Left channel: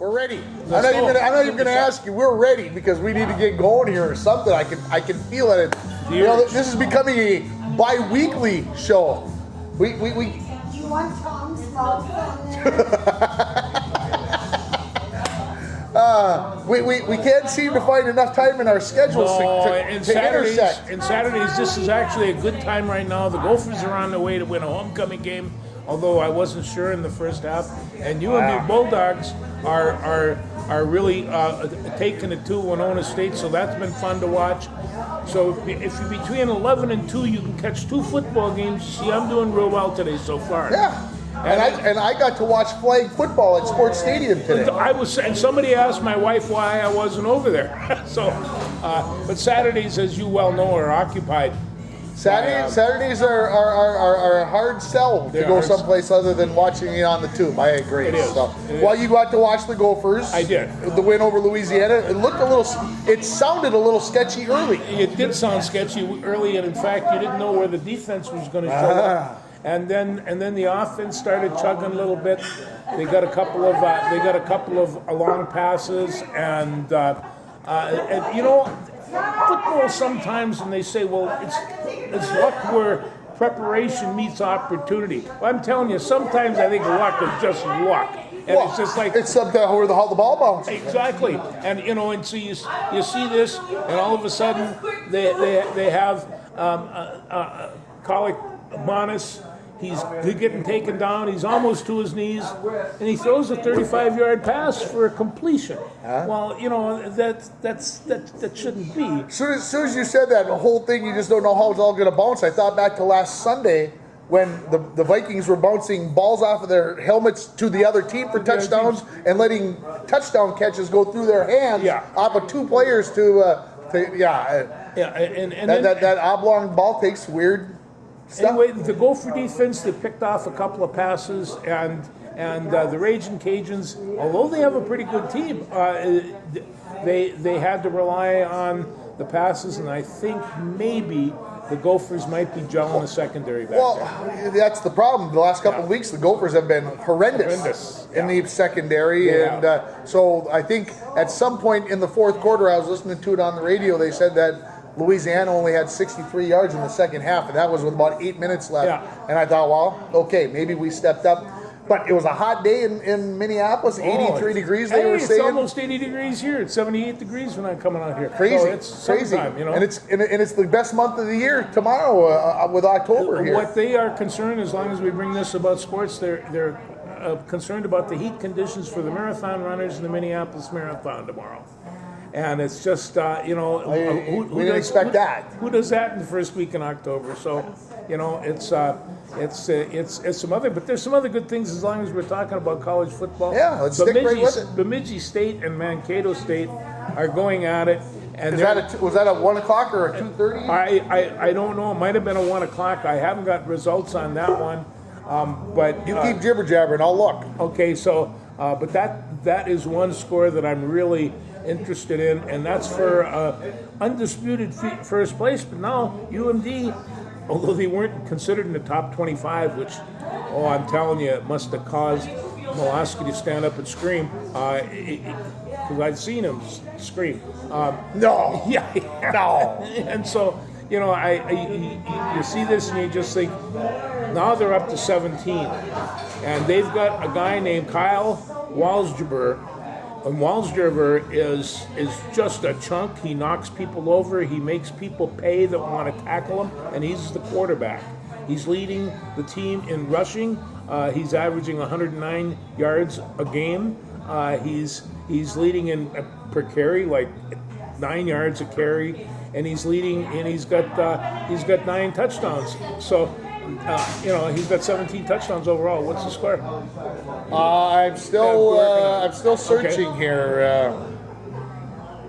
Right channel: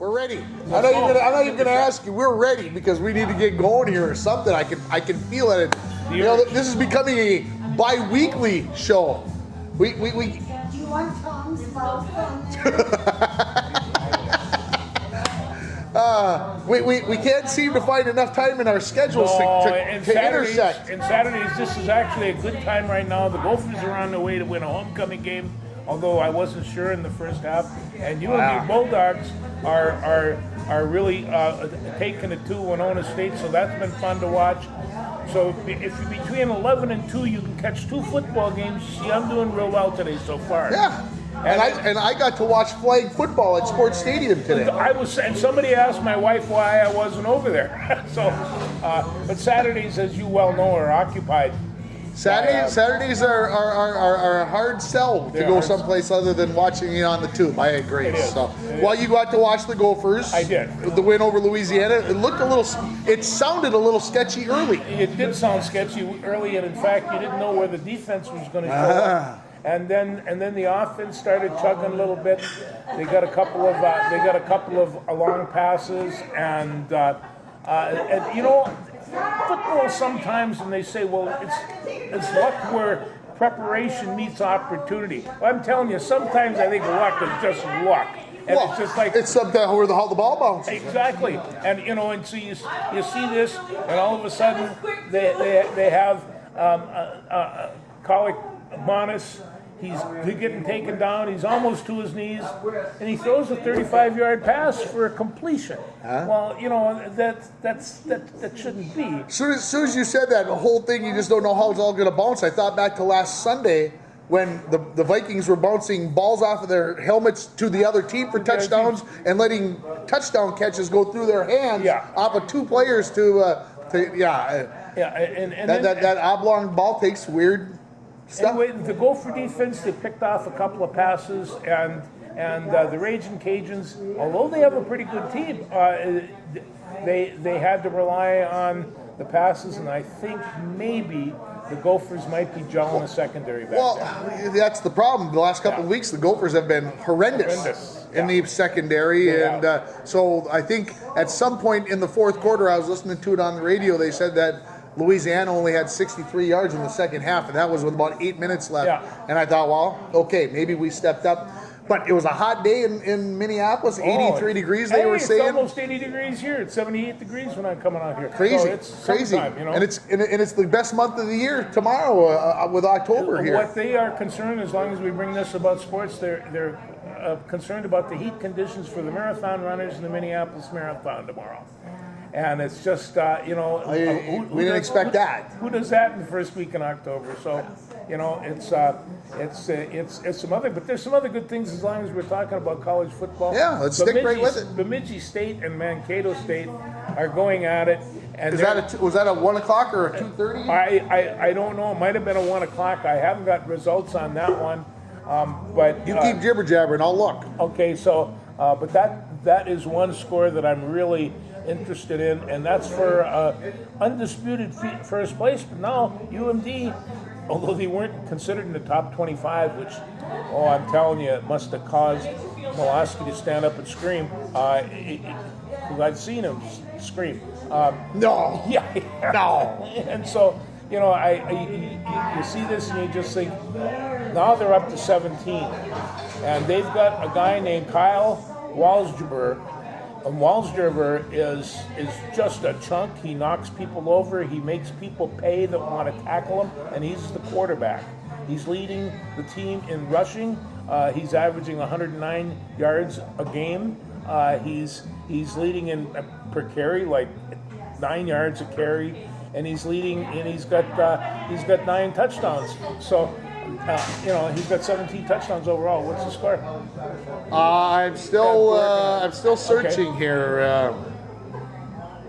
We're ready. I'm not even gonna ask you. We're ready because we need to get going here or something. I can feel it. You know, this is becoming a bi-weekly show. We Do you want Tom's mouth we can't seem to find enough time in our schedules to intersect. And Saturdays, this is actually a good time right now. The Gophers are on the way to win a homecoming game, although I wasn't sure in the first half. And UMD Bulldogs are really taking it to Winona State, so that's been fun to watch. So if you're between 11 and 2, you can catch 2 football games. You see, I'm doing real well today so far. Yeah. And I got to watch flag football at Sports Stadium today. And somebody asked my wife why I wasn't over there. So, but Saturdays, as you well know, are occupied. Saturdays are a hard sell to go someplace other than watching it on the tube. I agree. It is. So, well, you got to watch the Gophers. I did. The win over Louisiana. It sounded a little sketchy early. It did sound sketchy early, and in fact, you didn't know where the defense was going to show up. And then the offense started chugging a little bit. They got a couple of long passes, and you know, football sometimes, and they say, well, it's luck where preparation meets opportunity. Well, I'm telling you, sometimes I think luck is just luck. And it's just like it's something where the ball bounces. Exactly, and you know, and so you see this, and all of a sudden they have Colic Bonas. He's getting taken down. He's almost to his knees, and he throws a 35-yard pass for a completion. Well, you know that shouldn't be. As soon as you said that, the whole thing, you just don't know how it's all going to bounce. I thought back to last Sunday when the Vikings were bouncing balls off of their helmets to the other team for touchdowns and letting touchdown catches go through their hands off of 2 players and that oblong ball takes weird. Anyway, the Gopher defense, they picked off a couple of passes, and the Raging Cajuns, although they have a pretty good team, they had to rely on the passes, and I think maybe the Gophers might be gelling a secondary back there. That's the problem. The last couple of weeks, the Gophers have been horrendous. In the secondary, and so I think at some point in the fourth quarter, I was listening to it on the radio, they said that Louisiana only had 63 yards in the second half, and that was with about 8 minutes left. And I thought, well, okay, maybe we stepped up. But it was a hot day in Minneapolis, 83 degrees, they were saying. It's almost 80 degrees here. It's 78 degrees when I'm coming out here. Crazy, so it's crazy. You know? And it's the best month of the year tomorrow with October here. What they are concerned, as long as we bring this about sports, they're concerned about the heat conditions for the marathon runners in the Minneapolis Marathon tomorrow. And it's just, you know, we didn't expect that. Who does that in the first week in October? So, you know, it's some other, but there's some other good things as long as we're talking about college football. Yeah, let's stick right with it. Bemidji State and Mankato State are going at it. And was that a 1 o'clock or a 2:30? I don't know. It might have been a 1 o'clock. I haven't got results on that one. But you keep jibber jabbering. I'll look. Okay, so but that is one score that I'm really interested in, and that's for undisputed first place. But now UMD, although they weren't considered in the top 25, which, I'm telling you, it must have caused Mulaski to stand up and scream. Because I've seen him scream. No. Yeah. No. And so, you know, you see this and you just think, now they're up to 17. And they've got a guy named Kyle Walsgerber. And Walsgerber is just a chunk. He knocks people over. He makes people pay that want to tackle him. And he's the quarterback. He's leading the team in rushing. He's averaging 109 yards a game. He's leading in per carry, like 9 yards a carry, and he's leading, and he's got 9 touchdowns. So, you know, he's got 17 touchdowns overall. What's the score? I'm still searching here.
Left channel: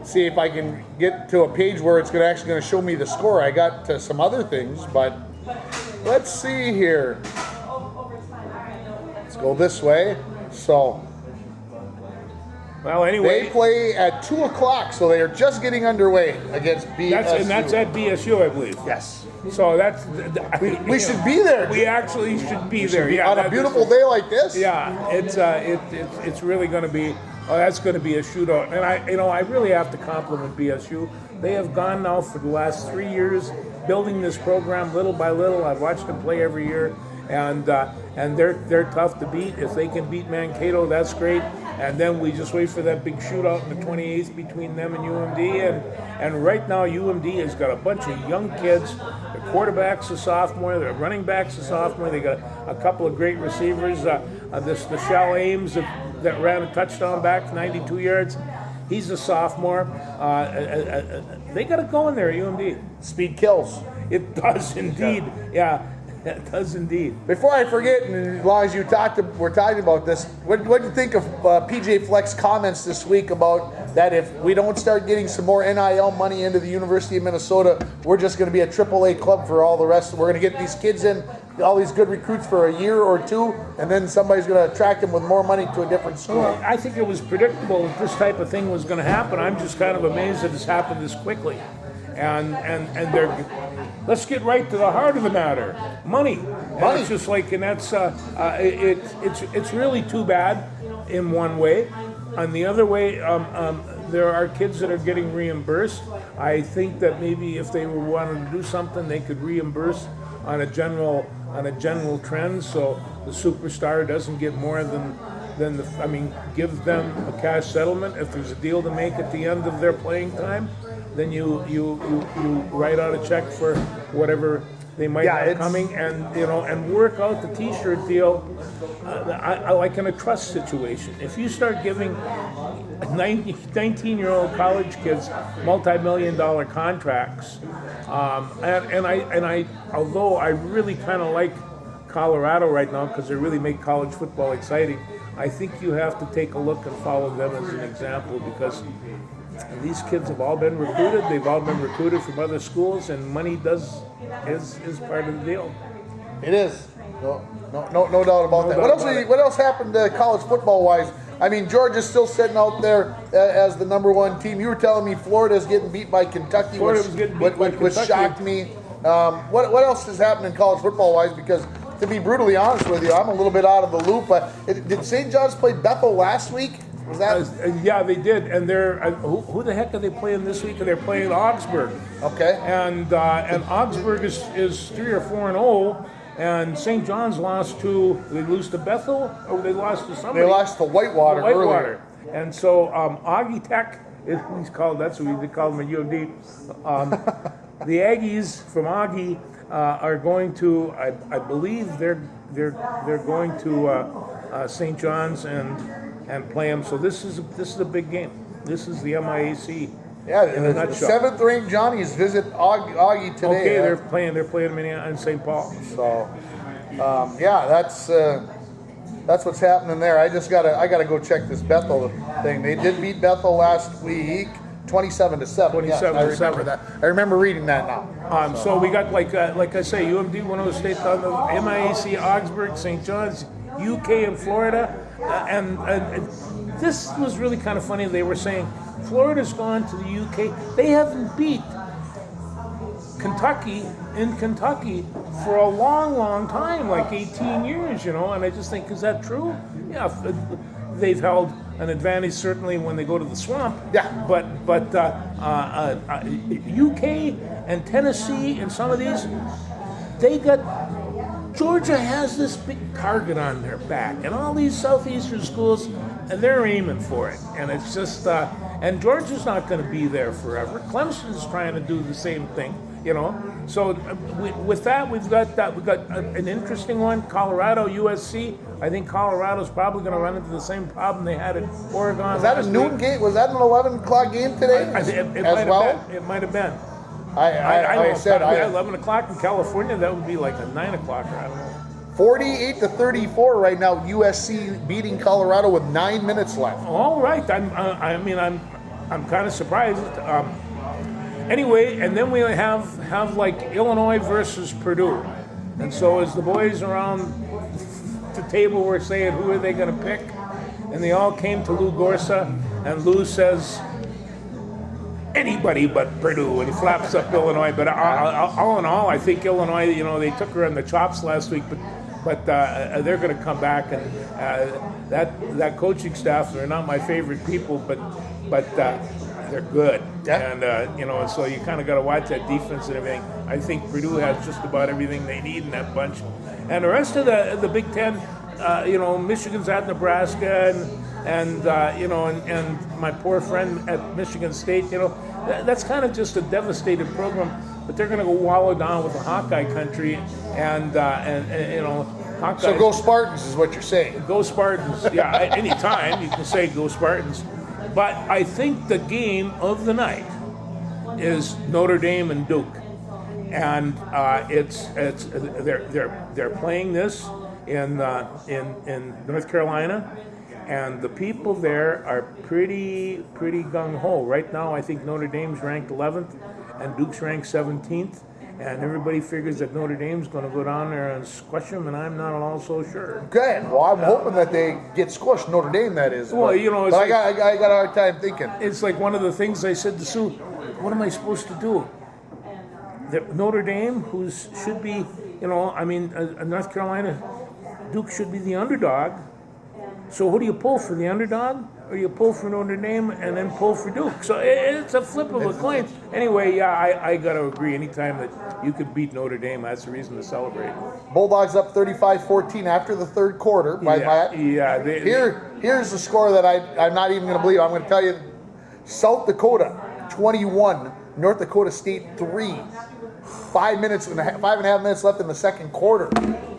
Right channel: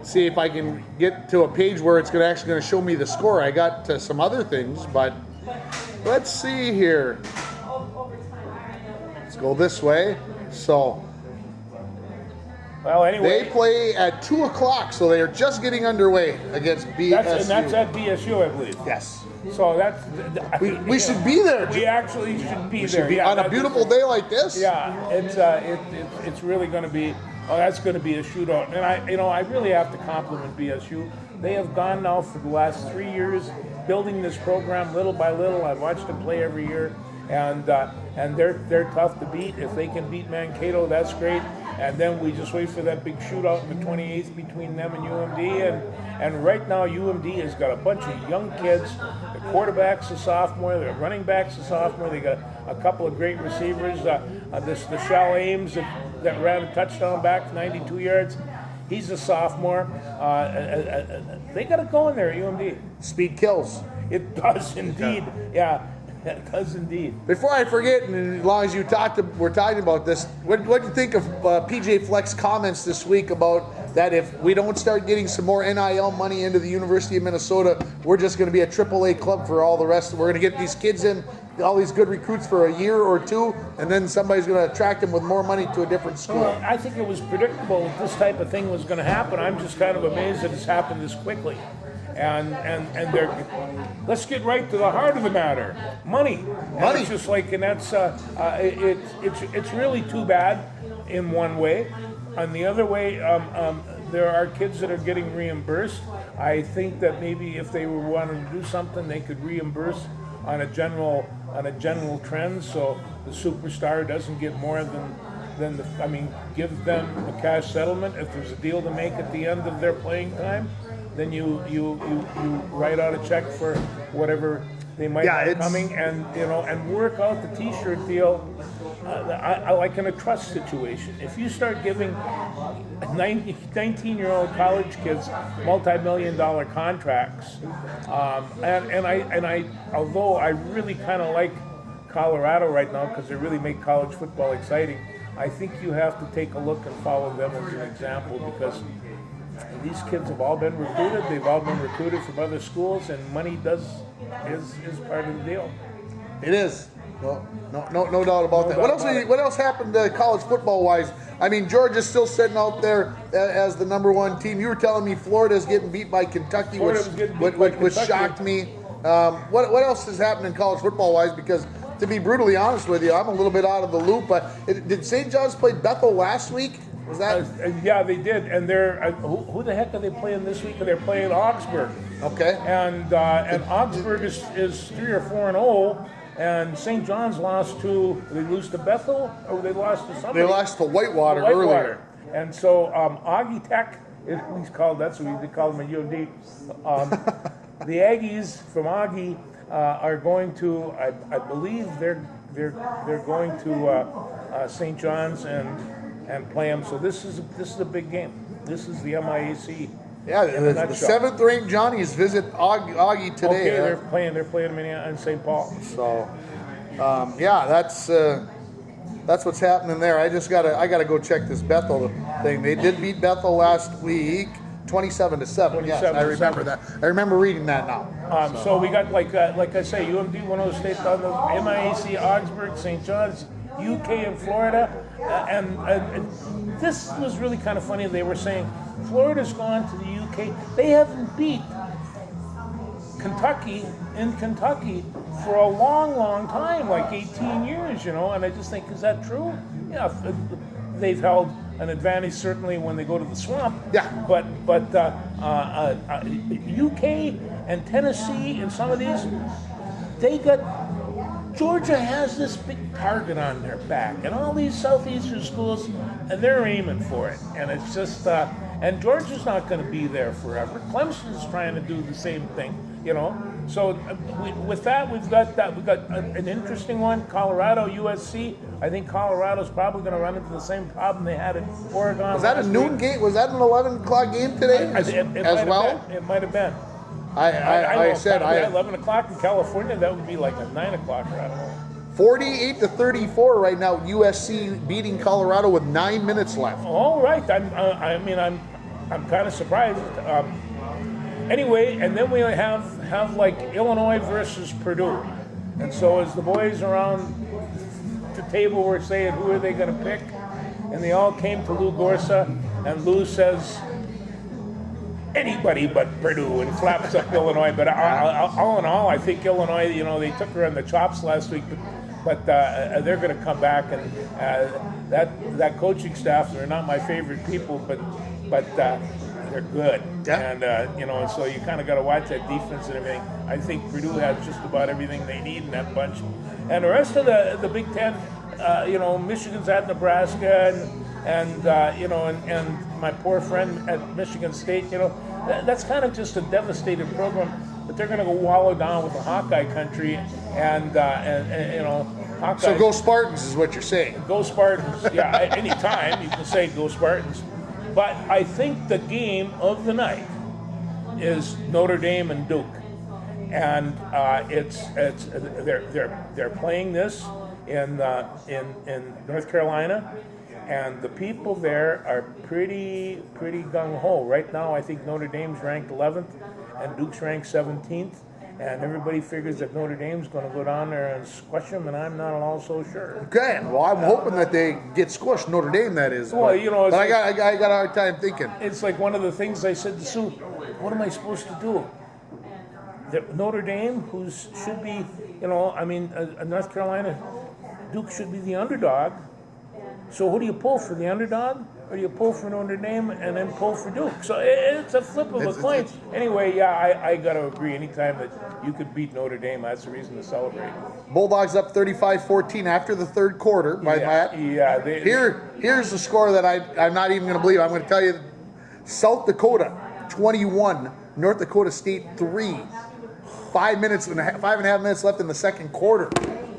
See if I can get to a page where it's actually going to show me the score. I got some other things, but let's see here. Let's go this way. So, well, anyway, they play at 2 o'clock, so they are just getting underway against BSU. That's at BSU, I believe. Yes. So that's we should be there. We actually should be there. On a beautiful day like this. Yeah, it's really going to be Oh, that's going to be a shootout. And I really have to compliment BSU. They have gone now for the last 3 years building this program little by little. I've watched them play every year, and they're tough to beat. If they can beat Mankato, that's great. And then we just wait for that big shootout on the 28th between them and UMD. And right now UMD has got a bunch of young kids. The quarterback's a sophomore. The running back's a sophomore. They got a couple of great receivers. The Shal Ames that ran a touchdown back 92 yards. He's a sophomore. They got it going there at UMD. Speed kills. It does indeed. Yeah, it does indeed. Before I forget, and as long as we're talking about this, what do you think of PJ Fleck's comments this week about that if we don't start getting some more NIL money into the University of Minnesota, we're just going to be a AAA club for all the rest. We're going to get these kids in, all these good recruits for a year or two, and then somebody's going to attract them with more money to a different school. Well, I think it was predictable that this type of thing was going to happen. I'm just kind of amazed that it's happened this quickly. And let's get right to the heart of the matter. Money. And it's just like, and that's it's really too bad in one way. On the other way, there are kids that are getting reimbursed. I think that maybe if they were wanting to do something, they could reimburse on a general trend, so the superstar doesn't get more than give them a cash settlement. If there's a deal to make at the end of their playing time, then you write out a check for whatever they might have coming, and work out the T-shirt deal like in a trust situation. If you start giving 19-year-old college kids multi-million-dollar contracts, and I although I really kind of like Colorado right now because they really make college football exciting, I think you have to take a look and follow them as an example, because these kids have all been recruited. They've all been recruited from other schools, and money is part of the deal. It is. No doubt about that. What else happened college football wise? I mean, Georgia's still sitting out there as the number one team. You were telling me Florida's getting beat by Kentucky, which shocked me. What else has happened in college football wise? Because to be brutally honest with you, I'm a little bit out of the loop. Did St. John's play Bethel last week? Was that? Yeah, they did. And they're who the heck are they playing this week? They're playing Augsburg. Okay. And Augsburg is 3 or 4-0. And St. John's they lose to Bethel, or they lost to somebody? They lost to Whitewater earlier. And so Augie Tech, he's called, that's what they call them at UMD. The Aggies from Augie are going to, I believe they're going to St. John's and play them. So this is a big game. This is the MIAC. Yeah, the seventh-ranked Johnnies visit Augie today. Okay, they're playing them in St. Paul. So, that's what's happening there. I gotta go check this Bethel thing. They did beat Bethel last week, 27-7. Yes, I remember that. I remember reading that now. So we got like I say, UMD, Winona State, MIAC, Augsburg, St. John's, UK, and Florida, and this was really kind of funny. They were saying Florida's gone to the UK. They haven't beat Kentucky in Kentucky for a long time, like 18 years, And I just think, is that true? Yeah, they've held an advantage certainly when they go to the swamp. Yeah. But UK and Tennessee and some of these, they got. Georgia has this big target on their back, and all these southeastern schools, and they're aiming for it. And it's just, and Georgia's not going to be there forever. Clemson's trying to do the same thing, So with that, we've got an interesting one. Colorado, USC. I think Colorado's probably going to run into the same problem they had in Oregon. Was that a noon game? Was that an 11 o'clock game today? It might have been. I said 11 o'clock in California. That would be like a 9 o'clock. I don't know. 48-34 right now. USC beating Colorado with 9 minutes left. All right. I'm kind of surprised. Anyway, and then we have like Illinois versus Purdue, and so as the boys around the table were saying who are they going to pick, and they all came to Lou Gorsa, and Lou says, anybody but Purdue, and flaps up Illinois. But all in all, I think Illinois, they took her on the chops last week, but but they're going to come back, and that coaching staff, they're not my favorite people, but they're good. Yeah. And and so you kind of got to watch that defense and everything. I think Purdue has just about everything they need in that bunch, and the rest of the Big Ten, Michigan's at Nebraska, and my poor friend at Michigan State, that's kind of just a devastated program. But they're going to go wallow down with the Hawkeye country, and Hawkeye. So go Spartans is what you're saying. Go Spartans. Yeah, anytime you can say go Spartans. But I think the game of the night is Notre Dame and Duke, and they're playing this in North Carolina, and the people there are pretty gung ho. Right now, I think Notre Dame's ranked 11th, and Duke's ranked 17th. And everybody figures that Notre Dame's going to go down there and squash them, and I'm not all so sure. Good. Well, I'm hoping that they get squished. Notre Dame, that is. Well, it's but I got a hard time thinking. It's like one of the things I said to Sue. What am I supposed to do? Notre Dame, who should be, North Carolina, Duke should be the underdog. So who do you pull for, the underdog, or you pull for Notre Dame and then pull for Duke? So it's a flip of a coin. Anyway, yeah, I got to agree. Anytime that you could beat Notre Dame, that's a reason to celebrate. Bulldogs up 35-14 after the third quarter by Matt. Yeah. Here's the score that I'm not even going to believe. I'm going to tell you, South Dakota 21, North Dakota State 3. 5.5 minutes left in the second quarter.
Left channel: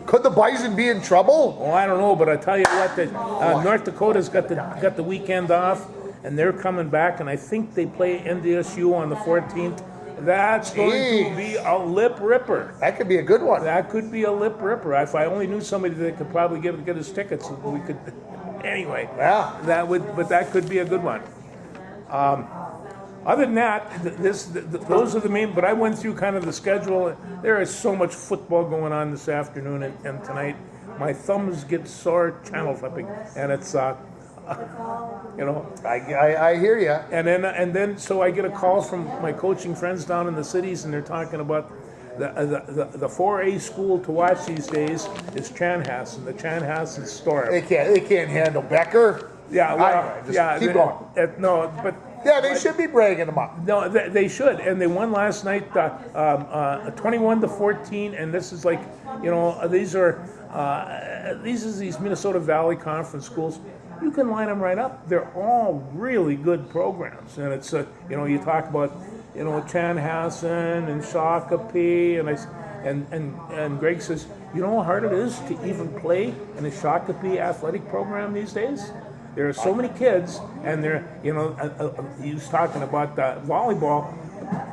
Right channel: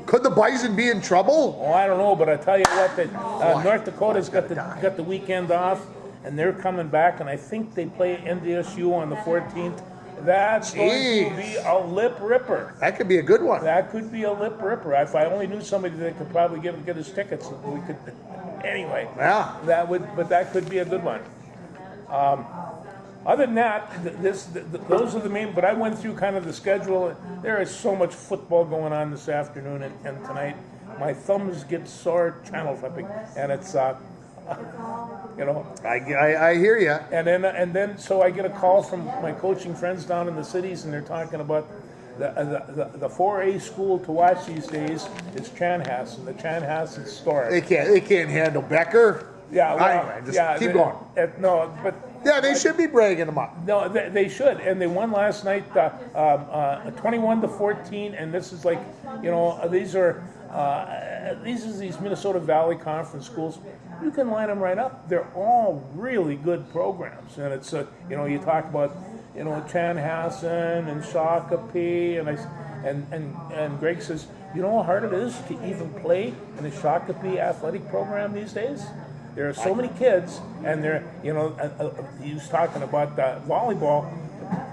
Could the Bison be in trouble? Well, I don't know, but I tell you what, that North Dakota's got the weekend off, and they're coming back, and I think they play NDSU on the 14th. That's going to be a lip ripper. That could be a good one. That could be a lip ripper. If I only knew somebody that could probably get us tickets, we could. Anyway, yeah, that could be a good one. Other than that, those are the main. But I went through kind of the schedule. There is so much football going on this afternoon and tonight. My thumbs get sore channel flipping, and it's I hear you. And then so I get a call from my coaching friends down in the cities, and they're talking about the 4A school to watch these days is Chanhassen, the Chanhassen Storm. They can't handle Becker. Yeah, well, anyway, keep going. Yeah, they should be bragging them up. No, they should, and they won last night, 21-14. And this is like, these are these Minnesota Valley Conference schools. You can line them right up. They're all really good programs, and it's you talk about Chanhassen and Shakopee, and Greg says, you know how hard it is to even play in a Shakopee athletic program these days. There are so many kids, and they're, he was talking about volleyball.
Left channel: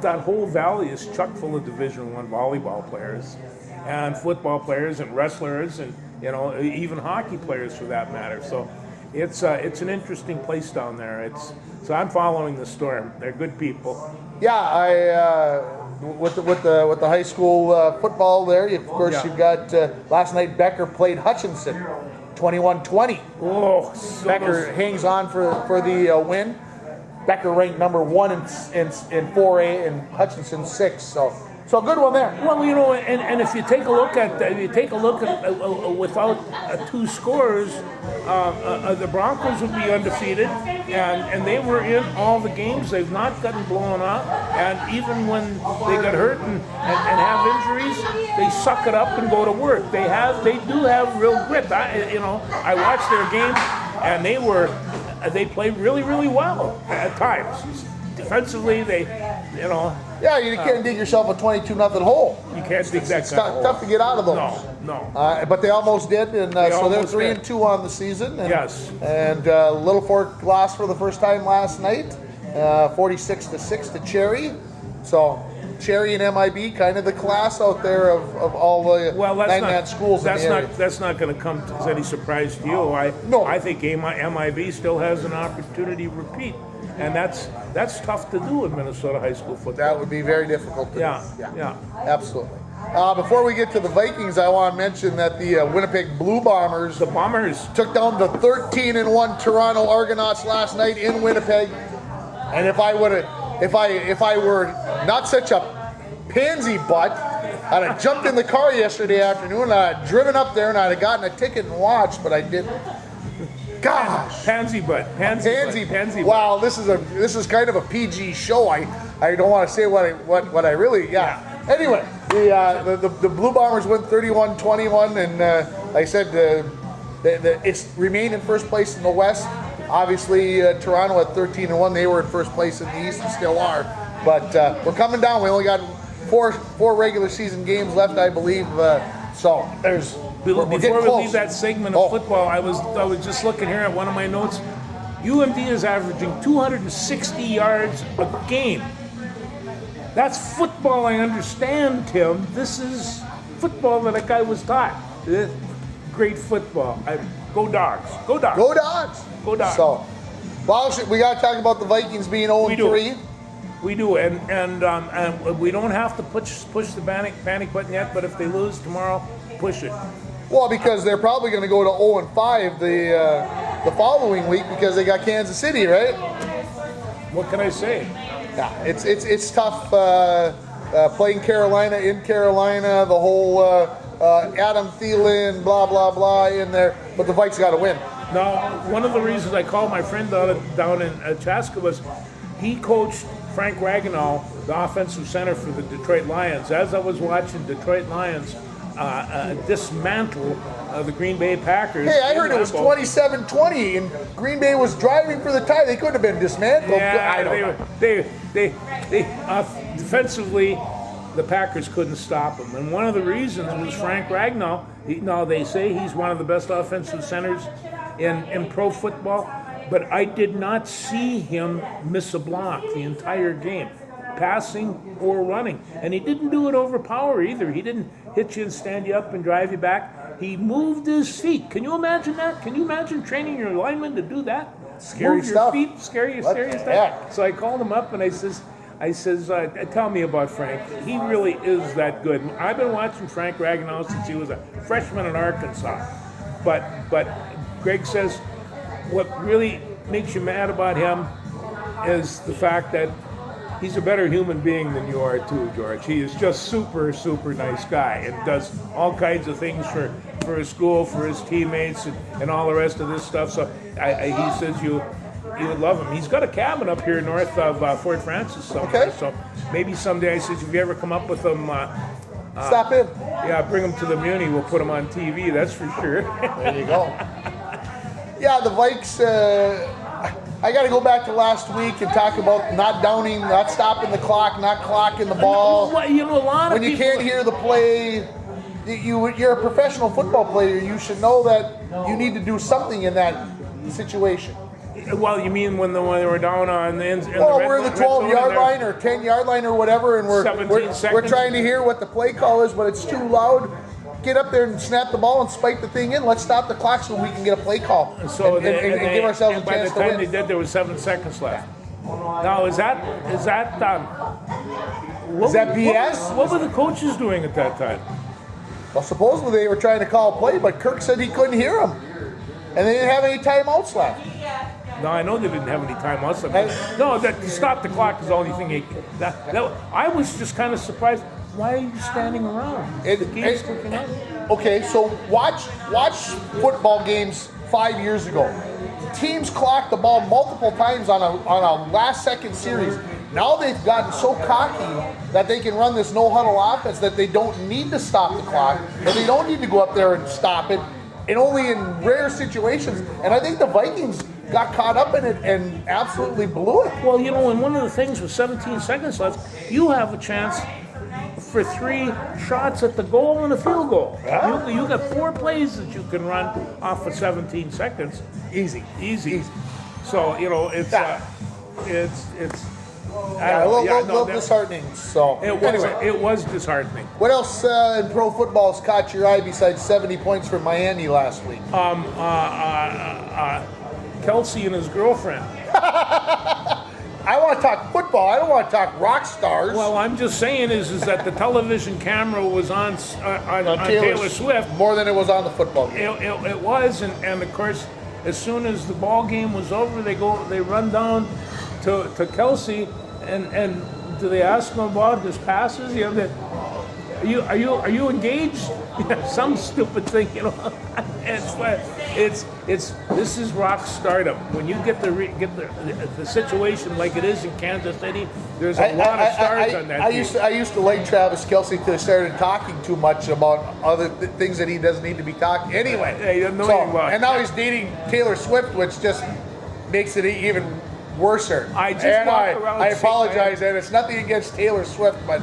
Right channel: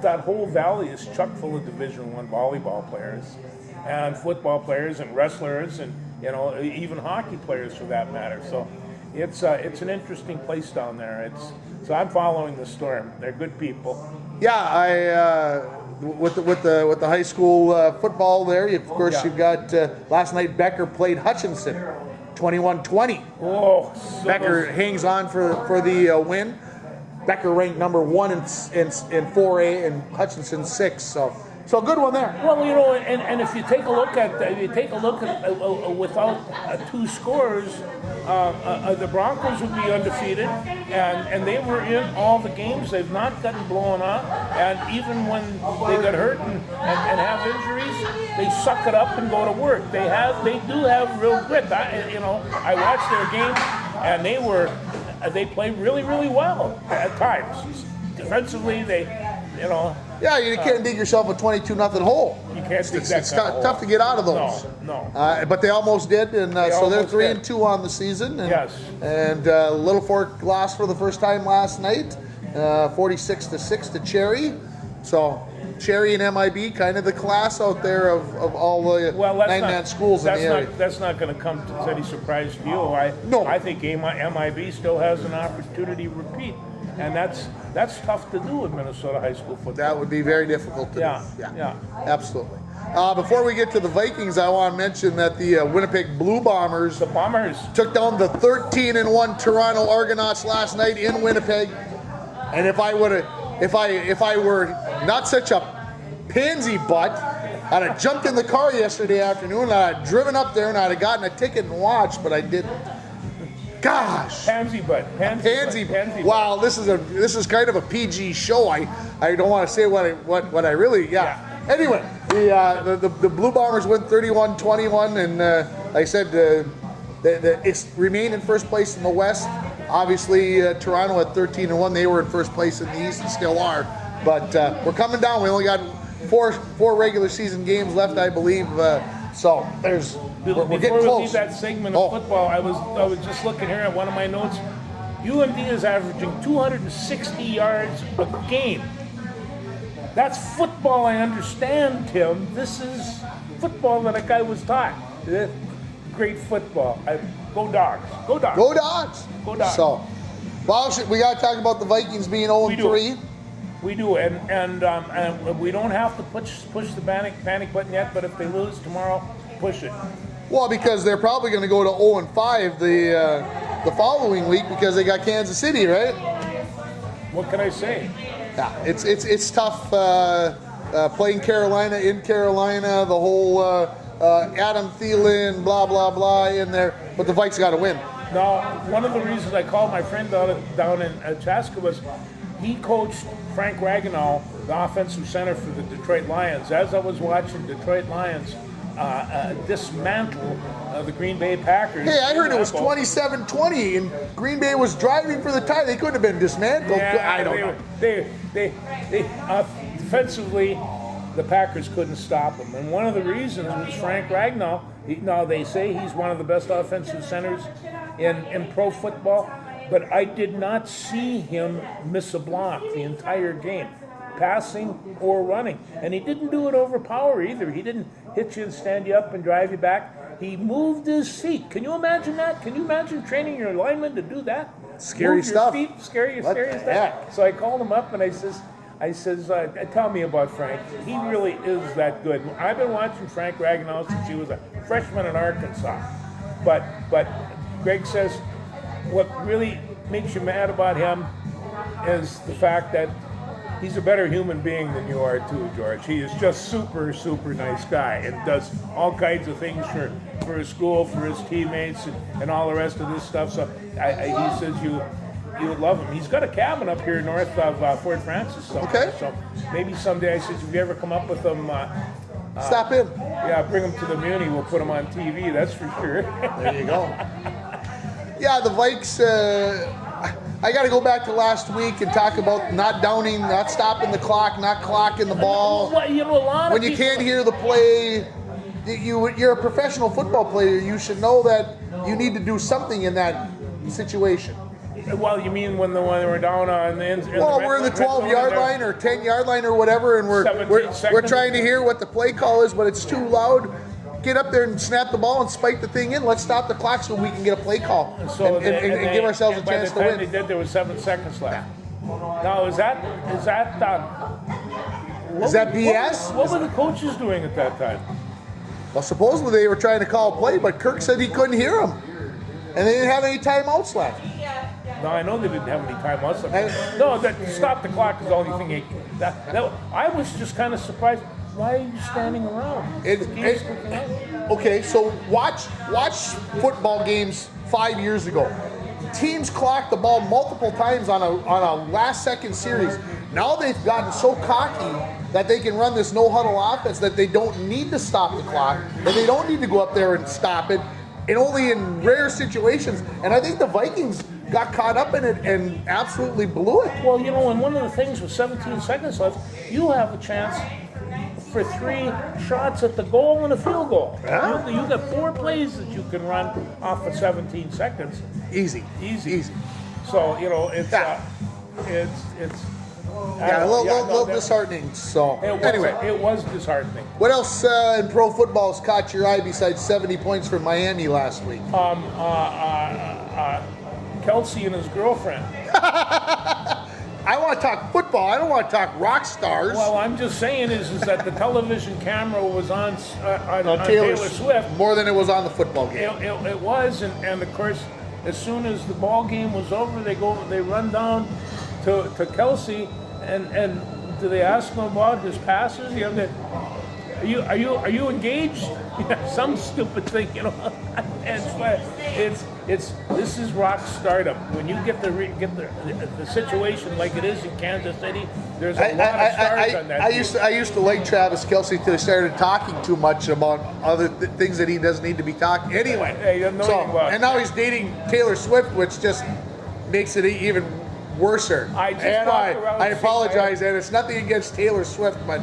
That whole valley is chock full of Division I volleyball players, and football players, and wrestlers, and even hockey players for that matter. So, it's an interesting place down there. So I'm following the Storm. They're good people. Yeah, with the high school football there, of course you've got last night Becker played Hutchinson. 21-20. Oh, Becker hangs on for the win. Becker ranked number 1 in 4A and Hutchinson 6. So a good one there. Well, and if you take a look at without 2 scores, the Broncos would be undefeated, and they were in all the games. They've not gotten blown out, and even when they get hurt and have injuries, they suck it up and go to work. They do have real grit. I watched their game, and they played really, really well at times. Defensively, Yeah, you can't dig yourself a 22-0 hole. You can't dig that. It's tough to get out of those. No. But they almost did, and so they're 3-2 on the season. And, yes. And Little Fork lost for the first time last night, 46-6 to Cherry. So Cherry and MIB, kind of the class out there of all the 9-man schools in the area. That's not going to come as any surprise to you. I think MIB still has an opportunity to repeat. And that's tough to do in Minnesota high school football. That would be very difficult to do. Yeah. Absolutely. Before we get to the Vikings, I want to mention that the Winnipeg Blue Bombers took down the 13-1 Toronto Argonauts last night in Winnipeg. And if I were not such a pansy butt, I'd have jumped in the car yesterday afternoon and I'd driven up there and I'd have gotten a ticket and watched, but I didn't. Gosh. Pansy butt. Pansy. Pansy. Wow, this is kind of a PG show. I don't want to say what I really. Yeah. Anyway, the Blue Bombers win 31-21, and like I said, it's remained in first place in the West. Obviously, Toronto at 13-1, they were in first place in the East and still are. But we're coming down. We only got four regular season games left, I believe. So there's. Before we getting close. leave that segment of football, I was just looking here at one of my notes. UMD is averaging 260 yards a game. That's football, I understand, Tim. This is football that a guy was taught. Great football. Go Dogs. Go Dogs. Go Dogs. Go Dogs. So, well, we got to talk about the Vikings being 0-3. We do, and we don't have to push the panic button yet. But if they lose tomorrow, push it. Well, because they're probably going to go to 0-5 the following week because they got Kansas City, right? What can I say? Yeah, it's tough playing Carolina in Carolina. The whole Adam Thielen, blah blah blah in there, but the Vikes got to win. Now, one of the reasons I called my friend down in Chaska was he coached Frank Ragnow, the offensive center for the Detroit Lions. As I was watching Detroit Lions dismantle the Green Bay Packers. Hey, I heard it was 27-20 and Green Bay was driving for the tie. They couldn't have been dismantled. Yeah, I don't know. They defensively, the Packers couldn't stop them. And one of the reasons was Frank Ragnow. Now, they say he's one of the best offensive centers in pro football, but I did not see him miss a block the entire game, passing or running. And he didn't do it over power either. He didn't hit you and stand you up and drive you back. He moved his feet. Can you imagine that? Can you imagine training your lineman to do that? Scary Move stuff. Your feet, scary stuff. heck? So I called him up and I says, tell me about Frank. He really is that good. I've been watching Frank Ragnow since he was a freshman in Arkansas. But Greg says what really makes you mad about him is the fact that he's a better human being than you are too, George. He is just super, super nice guy and does all kinds of things for his school, for his teammates, and all the rest of this stuff. So he says you would love him. He's got a cabin up here north of Fort Francis somewhere. Okay. So maybe someday, I said, if you ever come up with him, Stop in. yeah, bring him to the Muni. We'll put him on TV, that's for sure. There you go. Yeah, the Vikes, I got to go back to last week and talk about not downing, not stopping the clock, not clocking the ball. Well, you know, a lot of When you people- can't hear the play, you're a professional football player. You should know that you need to do something in that situation. Well, you mean when they were down on the ends? Well, we're in the 12-yard line or 10-yard line or whatever, and we're 17 seconds. trying to hear what the play call is, but it's too loud. Get up there and snap the ball and spike the thing in. Let's stop the clock so we can get a play call and give ourselves a chance to By the time they win. did, there was 7 seconds left. Now, is that BS? What were the coaches doing at that time? Well, supposedly they were trying to call a play, but Kirk said he couldn't hear him, and they didn't have any timeouts left. No, I know they didn't have any timeouts. And- No, that stop the clock is the only thing. I was just kind of surprised. Why are you standing around? The game's kicking out. Okay, so watch football games 5 years ago. Teams clocked the ball multiple times on a last-second series. Now they've gotten so cocky that they can run this no-huddle offense that they don't need to stop the clock, or they don't need to go up there and stop it, and only in rare situations. And I think the Vikings got caught up in it and absolutely blew it. Well, you know, and one of the things with 17 seconds left, you have a chance for 3 shots at the goal and a field goal. Yeah. You got 4 plays that you can run off of 17 seconds. Easy. So, you know, it's Yeah. I A don't know. little disheartening. So anyway, It was disheartening. what else in pro football has caught your eye besides 70 points for Miami last week? Kelsey and his girlfriend. I want to talk football. I don't want to talk rock stars. Well, I'm just saying is that the television camera was on Taylor Swift. More than it was on the football game. It was, and of course, as soon as the ball game was over, they run down to Kelsey, and do they ask him about his passes? You know, Are you engaged? Some stupid thing, you know. This is rock stardom. When you get the situation like it is in Kansas City, there's a lot of stars on that team. I used to like Travis Kelce until he started talking too much about other things that he doesn't need to be talking anyway. Yeah, he doesn't know anything about it. And now he's dating Taylor Swift, which just makes it even worser. I apologize, and it's nothing against Taylor Swift, but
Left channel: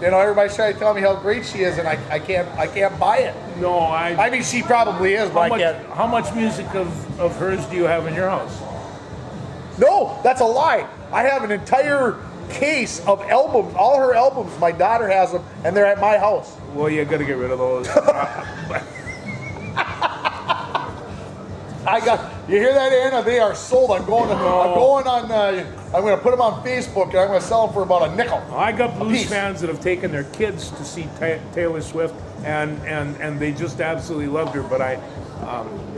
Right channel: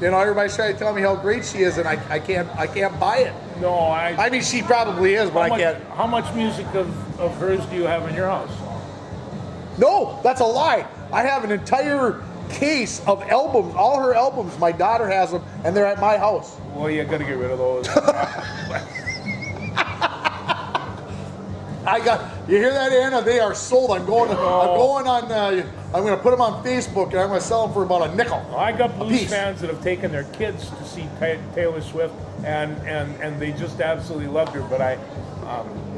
you know everybody's trying to tell me how great she is, and I can't buy it. No, I mean she probably is, but I can't. How much music of hers do you have in your house? No, that's a lie. I have an entire case of albums, all her albums. My daughter has them, and they're at my house. Well, you got to get rid of those. You hear that, Anna? They are sold. I'm going on. I'm going to put them on Facebook, and I'm going to sell them for about a nickel. I got Blues fans that have taken their kids to see Taylor Swift, and they just absolutely loved her. But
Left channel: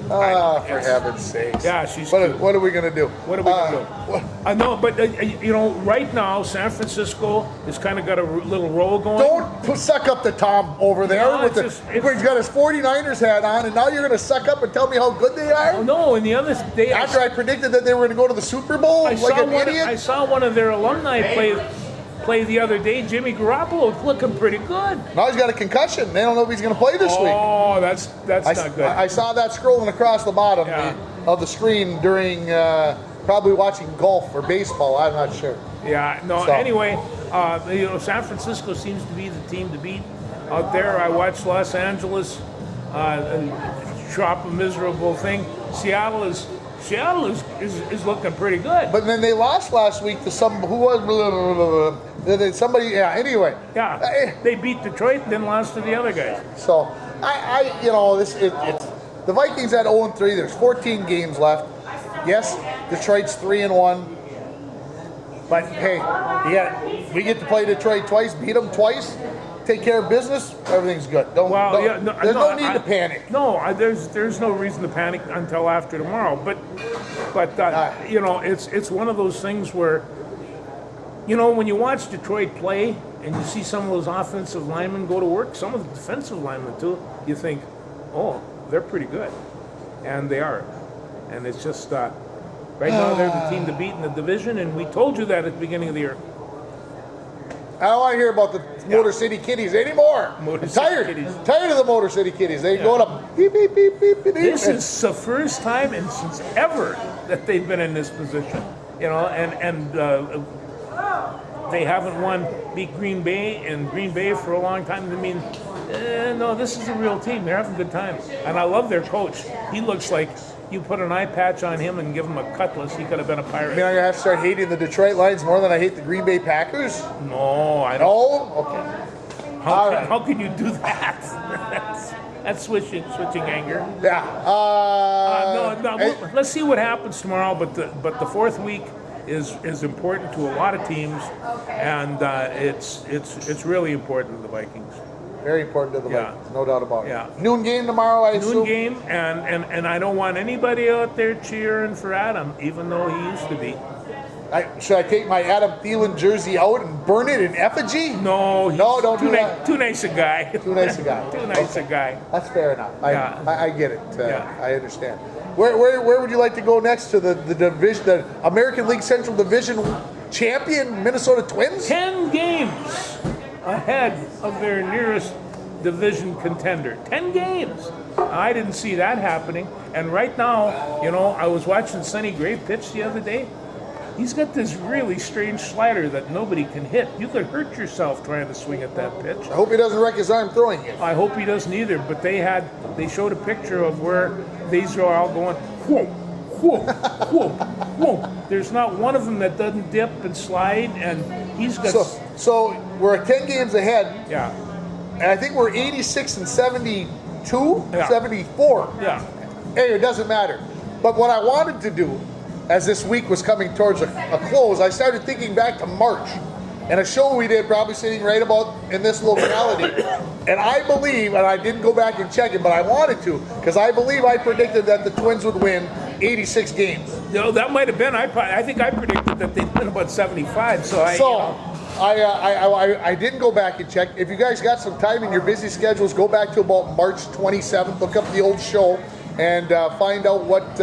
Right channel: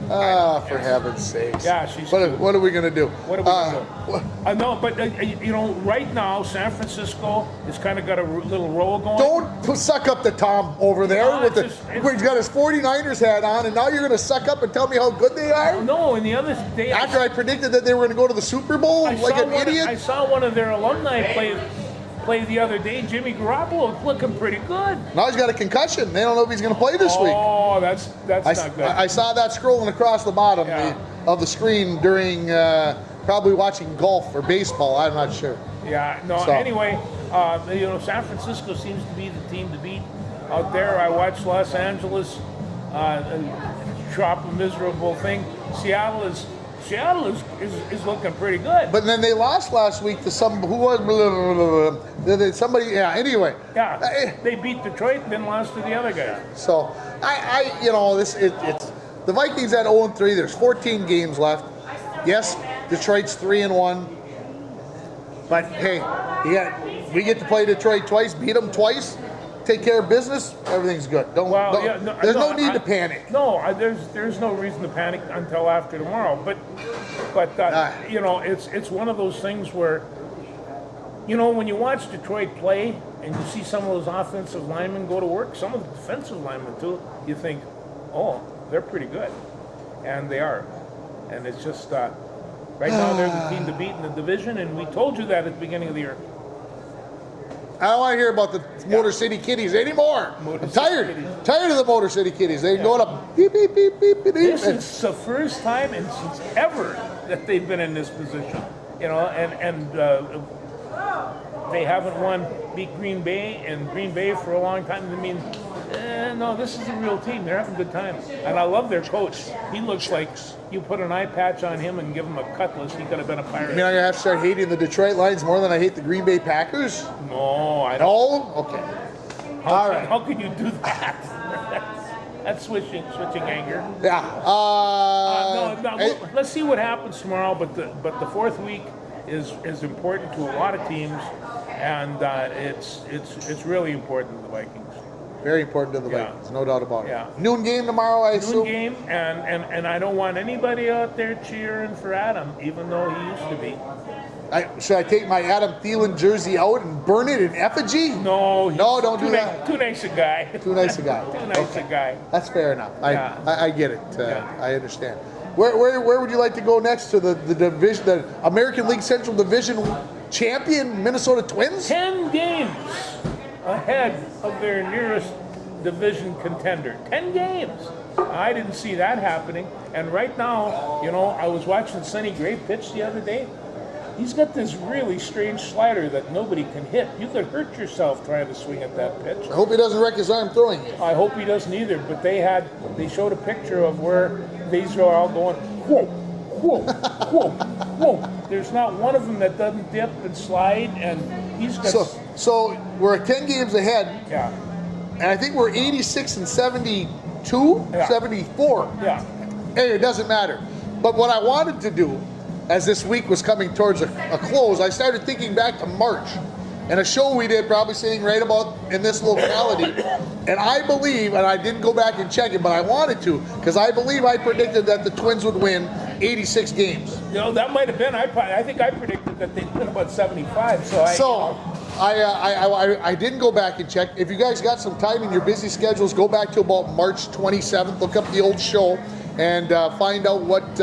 for heaven's sakes! Yeah, she's. What are we going to do? What are we going to do? No, but you know, right now San Francisco has kind of got a little roll going. Don't suck up to Tom over there. No, he's got his 49ers hat on, and now you're going to suck up and tell me how good they are? No, and the other day after I predicted that they were going to go to the Super Bowl like an idiot. I saw one of their alumni play the other day. Jimmy Garoppolo looking pretty good. Now he's got a concussion. They don't know if he's going to play this week. Oh, that's not good. I saw that scrolling across the bottom of the screen during probably watching golf or baseball. I'm not sure. Yeah. No. So. Anyway, you know, San Francisco seems to be the team to beat out there. I watched Los Angeles drop a miserable thing. Seattle is looking pretty good. But then they lost last week to somebody. Yeah. Anyway. Yeah. They beat Detroit and then lost to the other guys. So it's the Vikings at 0-3. There's 14 games left. Yes, Detroit's 3-1. But hey, we get to play Detroit twice, beat them twice. Take care of business, everything's good. There's no need to panic. No, there's no reason to panic until after tomorrow. But you know, it's one of those things where, you know, when you watch Detroit play and you see some of those offensive linemen go to work, some of the defensive linemen too, you think, oh, they're pretty good, and they are. And it's just right now they're the team to beat in the division, and we told you that at the beginning of the year. I don't want to hear about the Motor City Kitties anymore. I'm tired of the Motor City Kitties. They go to beep, beep, beep, beep, beep. This is the first time and since ever that they've been in this position. You know, and they haven't beat Green Bay for a long time. I mean, no, this is a real team. They're having a good time. And I love their coach. He looks like you put an eye patch on him and give him a cutlass, he could have been a Pirate. I mean, I'm going to have to start hating the Detroit Lions more than I hate the Green Bay Packers? No, I don't. No? Okay. How can you do that? That's switching anger. Yeah. Let's see what happens tomorrow. But the fourth week is important to a lot of teams, and it's really important to the Vikings. Very important to the Vikings, no doubt about it. Yeah. Noon game tomorrow, I assume? Noon game, and I don't want anybody out there cheering for Adam, even though he used to be. Should I take my Adam Thielen jersey out and burn it in effigy? No, don't do that. Too nice a guy. Too nice a guy. Too nice a guy. That's fair enough. I get it. Yeah. I understand. Where would you like to go next to the division, the American League Central Division champion Minnesota Twins? 10 games ahead of their nearest division contender. 10 games. I didn't see that happening. And right now, you know, I was watching Sonny Gray pitch the other day. He's got this really strange slider that nobody can hit. You could hurt yourself trying to swing at that pitch. I hope he doesn't wreck his arm throwing it. I hope he doesn't either. But they showed a picture of where these are all going, whoa, whoa, whoa, whoa. There's not one of them that doesn't dip and slide, and he's got... So we're 10 games ahead. Yeah. And I think we're 86 and 72, 74. Yeah. Hey, it doesn't matter. But what I wanted to do, as this week was coming towards a close, I started thinking back to March and a show we did probably sitting right about in this locality. And I believe, and I didn't go back and check it, but I wanted to, because I believe I predicted that the Twins would win 86 games. You know, that might have been, I think I predicted that they'd win about 75, I didn't go back and check. If you guys got some time in your busy schedules, go back to about March 27th. Look up the old show and find out what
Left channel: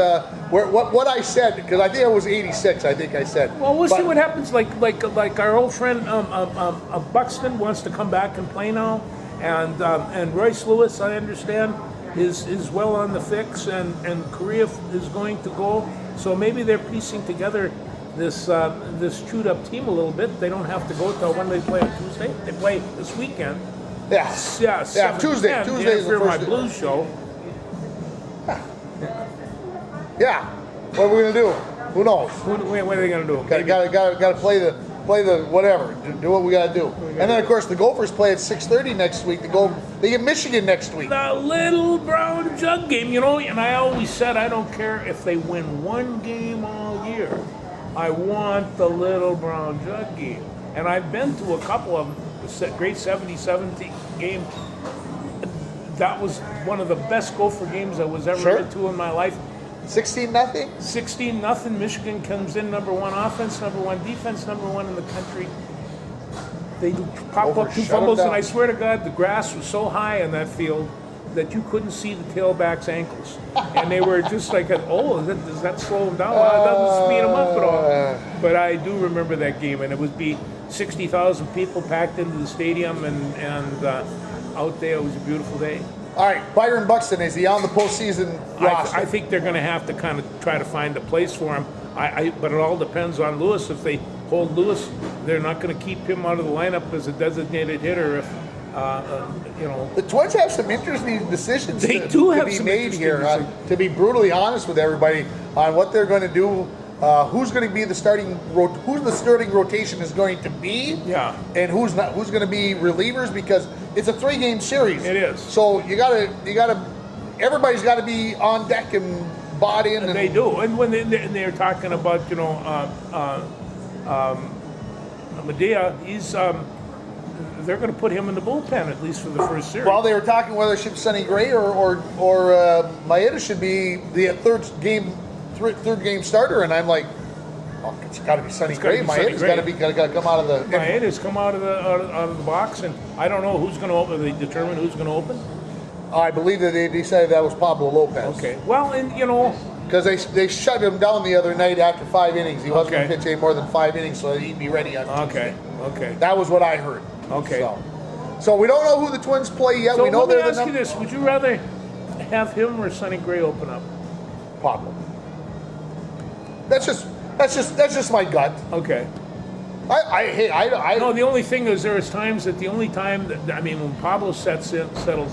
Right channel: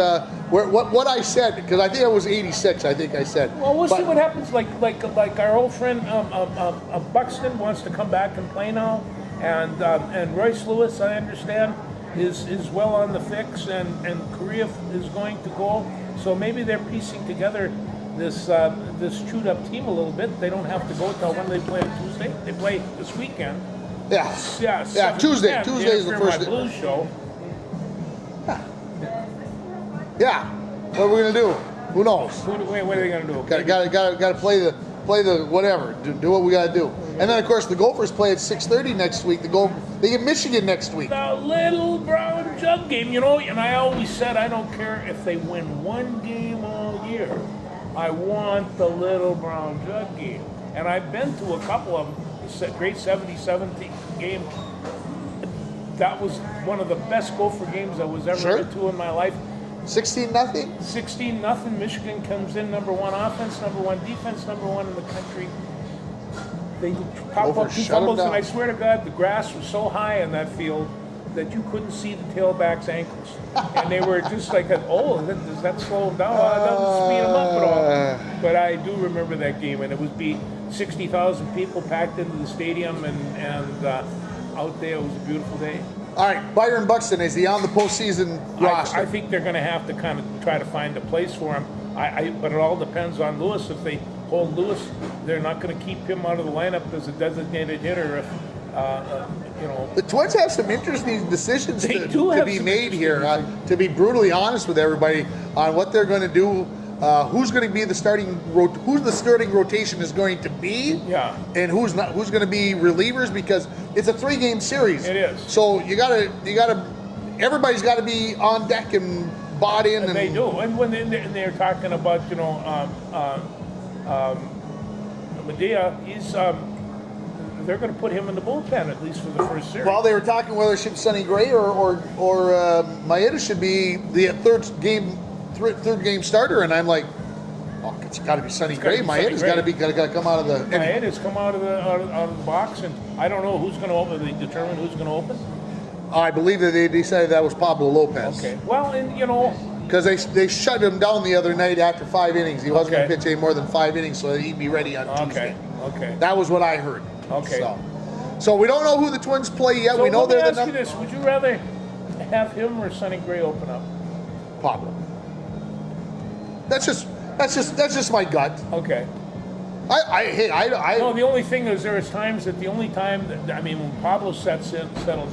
I said, because I think it was 86. I think I said. Well, we'll see what happens. Like our old friend Buxton wants to come back and play now, and Royce Lewis, I understand, is well on the fix, and Korea is going to go. So maybe they're piecing together this chewed up team a little bit. They don't have to go till when they play on Tuesday. They play this weekend. Yeah. Yeah. Tuesday. Tuesday's the first. My Blues show. Yeah. What are we gonna do? Who knows? What are they gonna do? Got to play the whatever. Do what we got to do. And then of course the Gophers play at 6:30 next week. They get Michigan next week. The little brown jug game, you know. And I always said I don't care if they win one game all year. I want the little brown jug game. And I've been to a couple of them. Great 70-70 game. That was one of the best Gopher games I was ever been to in my life. 16-0? 16-0. Michigan comes in number one offense, number one defense, number one in the country. They pop up 2 fumbles, and I swear to God, the grass was so high in that field that you couldn't see the tailback's ankles. And they were just like, does that slow them down? Well, it doesn't speed them up at all. But I do remember that game, and it would be 60,000 people packed into the stadium, and out there. It was a beautiful day. All right, Byron Buxton, is he on the postseason roster? I think they're going to have to kind of try to find a place for him. But it all depends on Lewis. If they hold Lewis, they're not going to keep him out of the lineup as a designated hitter. If the Twins have some interesting decisions to be made here. To be brutally honest with everybody on what they're going to do. Who's going to be the starting? Who's the starting rotation is going to be? Yeah. And who's not? Who's going to be relievers? Because it's a 3-game series. It is. So you gotta. Everybody's got to be on deck and bought in. And they do. And when they're talking about Medea, he's they're going to put him in the bullpen at least for the first series. Well, they were talking whether it should be Sonny Gray or Maeda should be the third game starter, and I'm like, well, it's got to be Sonny Gray. Maeda's got to come out of the. Maeda's come out of the box, and I don't know who's going to open. They determine who's going to open. I believe that they decided that was Pablo Lopez. Okay. Well, and because they shut him down the other night after 5 innings. He wasn't going to pitch any more than 5 innings, so he'd be ready on Tuesday. Okay. That was what I heard. Okay. So we don't know who the Twins play yet. So we know let me they're ask you this: would you rather have him or Sonny Gray open up? Pablo. That's just my gut. Okay. No, the only thing is there is times that when Pablo settles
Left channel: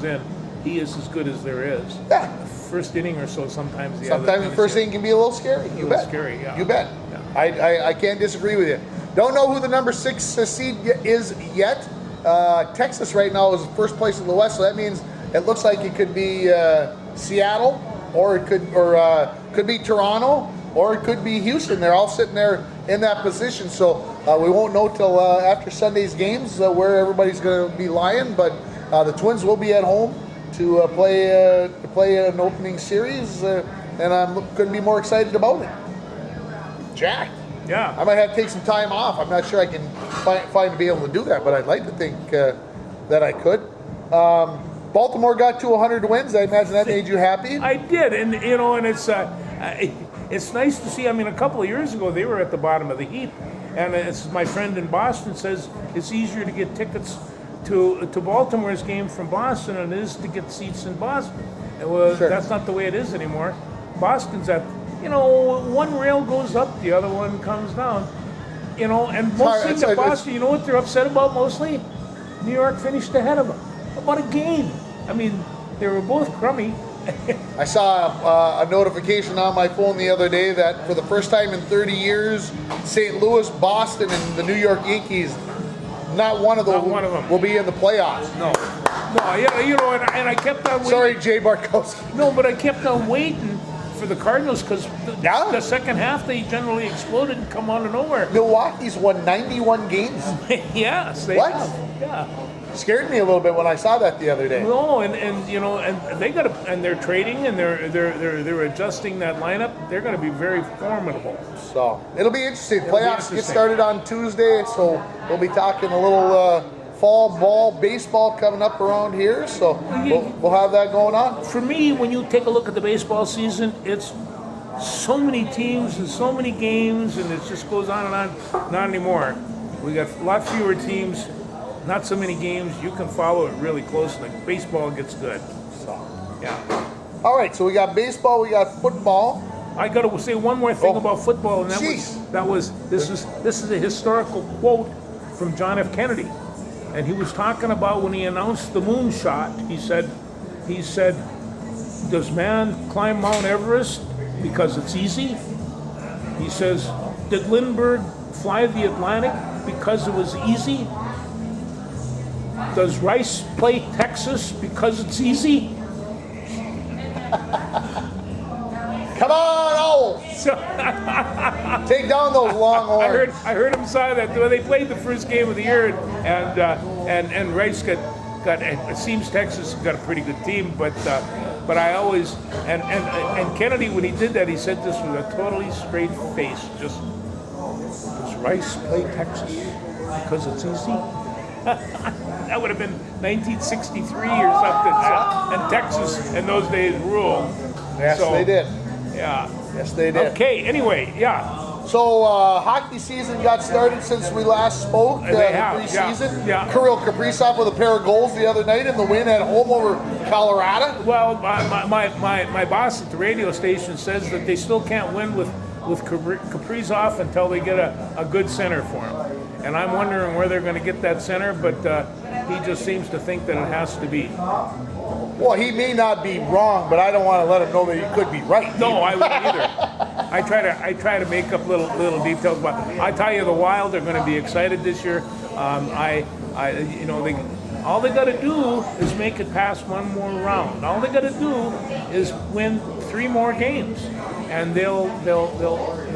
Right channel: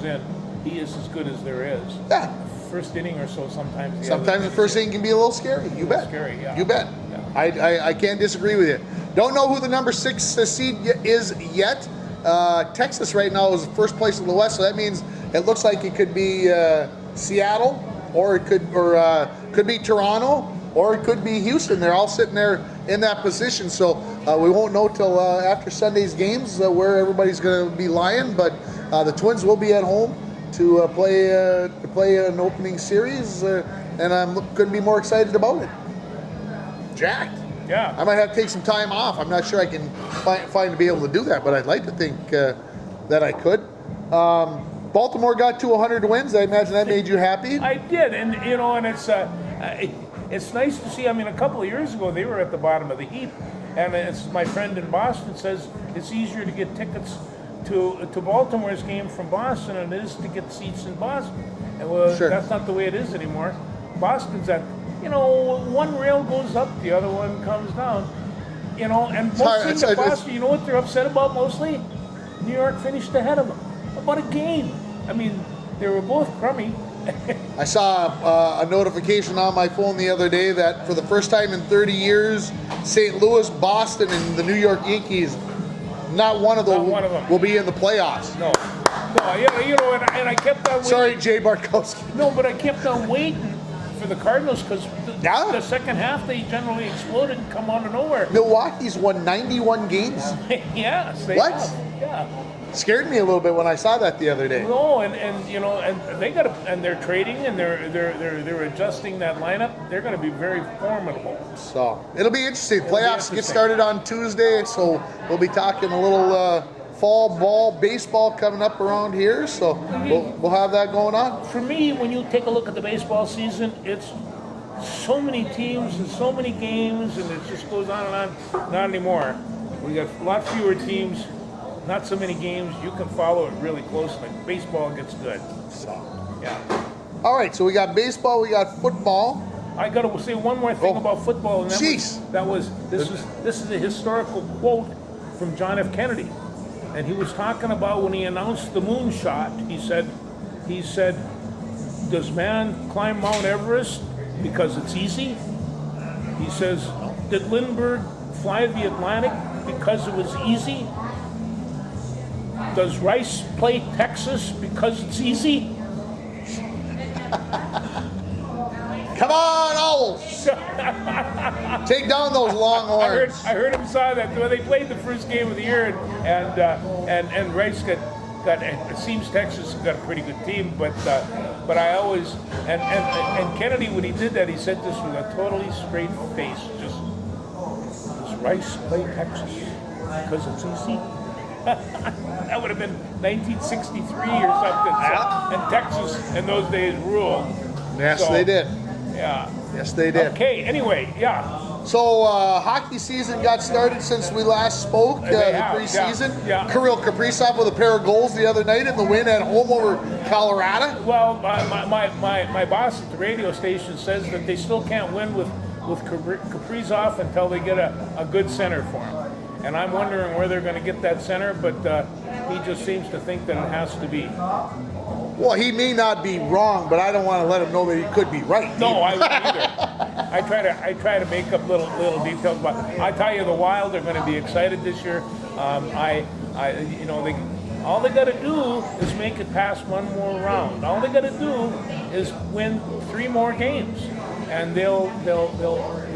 in, he is as good as there is. Yeah. First inning or so, sometimes the first inning can be a little scary. You bet. Scary, yeah. You bet. Yeah. I can't disagree with you. Don't know who the number 6 seed is yet. Texas right now is first place in the West, so that means it looks like it could be Seattle, or it could be Toronto, or it could be Houston. They're all sitting there in that position, so we won't know till after Sunday's games where everybody's going to be lying. But the Twins will be at home to play an opening series, and I couldn't be more excited about it. Jack. Yeah. I might have to take some time off. I'm not sure I can find to be able to do that, but I'd like to think that I could. Baltimore got to 100 wins. I imagine that made you happy. I did, and and it's nice to see. I mean, a couple of years ago they were at the bottom of the heap, and it's my friend in Boston says it's easier to get tickets to Baltimore's game from Boston than it is to get seats in Boston. And that's not the way it is anymore. Boston's at one rail goes up, the other one comes down. And mostly in Boston, you know what they're upset about mostly? New York finished ahead of them. About a game. I mean, they were both crummy. I saw a notification on my phone the other day that for the first time in 30 years, St. Louis, Boston, and the New York Yankees, not one of them will be in the playoffs. No, and I kept on waiting. Sorry, Jay Bartkowski. No, but I kept on waiting for the Cardinals because the second half they generally exploded and come out of nowhere. Milwaukee's won 91 games. Yes, they what? have. Yeah. scared me a little bit when I saw that the other day. No, and you know, and they got and they're trading and they're adjusting that lineup. They're going to be very formidable. So it'll be interesting. It'll be Playoffs get interesting. started on Tuesday, so we'll be talking a little fall ball, baseball coming up around here. So we'll have that going on. For me, when you take a look at the baseball season, it's so many teams and so many games, and it just goes on and on. Not anymore. We got a lot fewer teams, not so many games. You can follow it really closely. Baseball gets good. Yeah. All right, so we got baseball, we got football. I got to say one more thing about football, and this is a historical quote from John F. Kennedy, and he was talking about when he announced the moonshot. He said, "Does man climb Mount Everest because it's easy?" He says, "Did Lindbergh fly the Atlantic because it was easy? Does Rice play Texas because it's easy?" Come on, Owls! Take down those longhorns. I heard him say that when they played the first game of the year, and Rice got it seems Texas got a pretty good team, but I always and Kennedy, when he did that, he said this with a totally straight face. Just, does Rice play Texas because it's easy? That would have been 1963 or something. So, and Texas in those days ruled. Yes, So, they did. Yeah. Yes, they did. Okay. Anyway, yeah. So hockey season got started since we last spoke. They The have, preseason. yeah. Kirill Kaprizov with a pair of goals the other night in the win at home over Colorado. Well, my boss at the radio station says that they still can't win with Kaprizov until they get a good center for him. And I'm wondering where they're going to get that center, but he just seems to think that it has to be. Well, he may not be wrong, but I don't want to let him know that he could be right. No, I wouldn't either. I try to make up little details, but I tell you, the Wild are going to be excited this year. All they got to do is make it past one more round. All they got to do is win 3 more games, and they'll.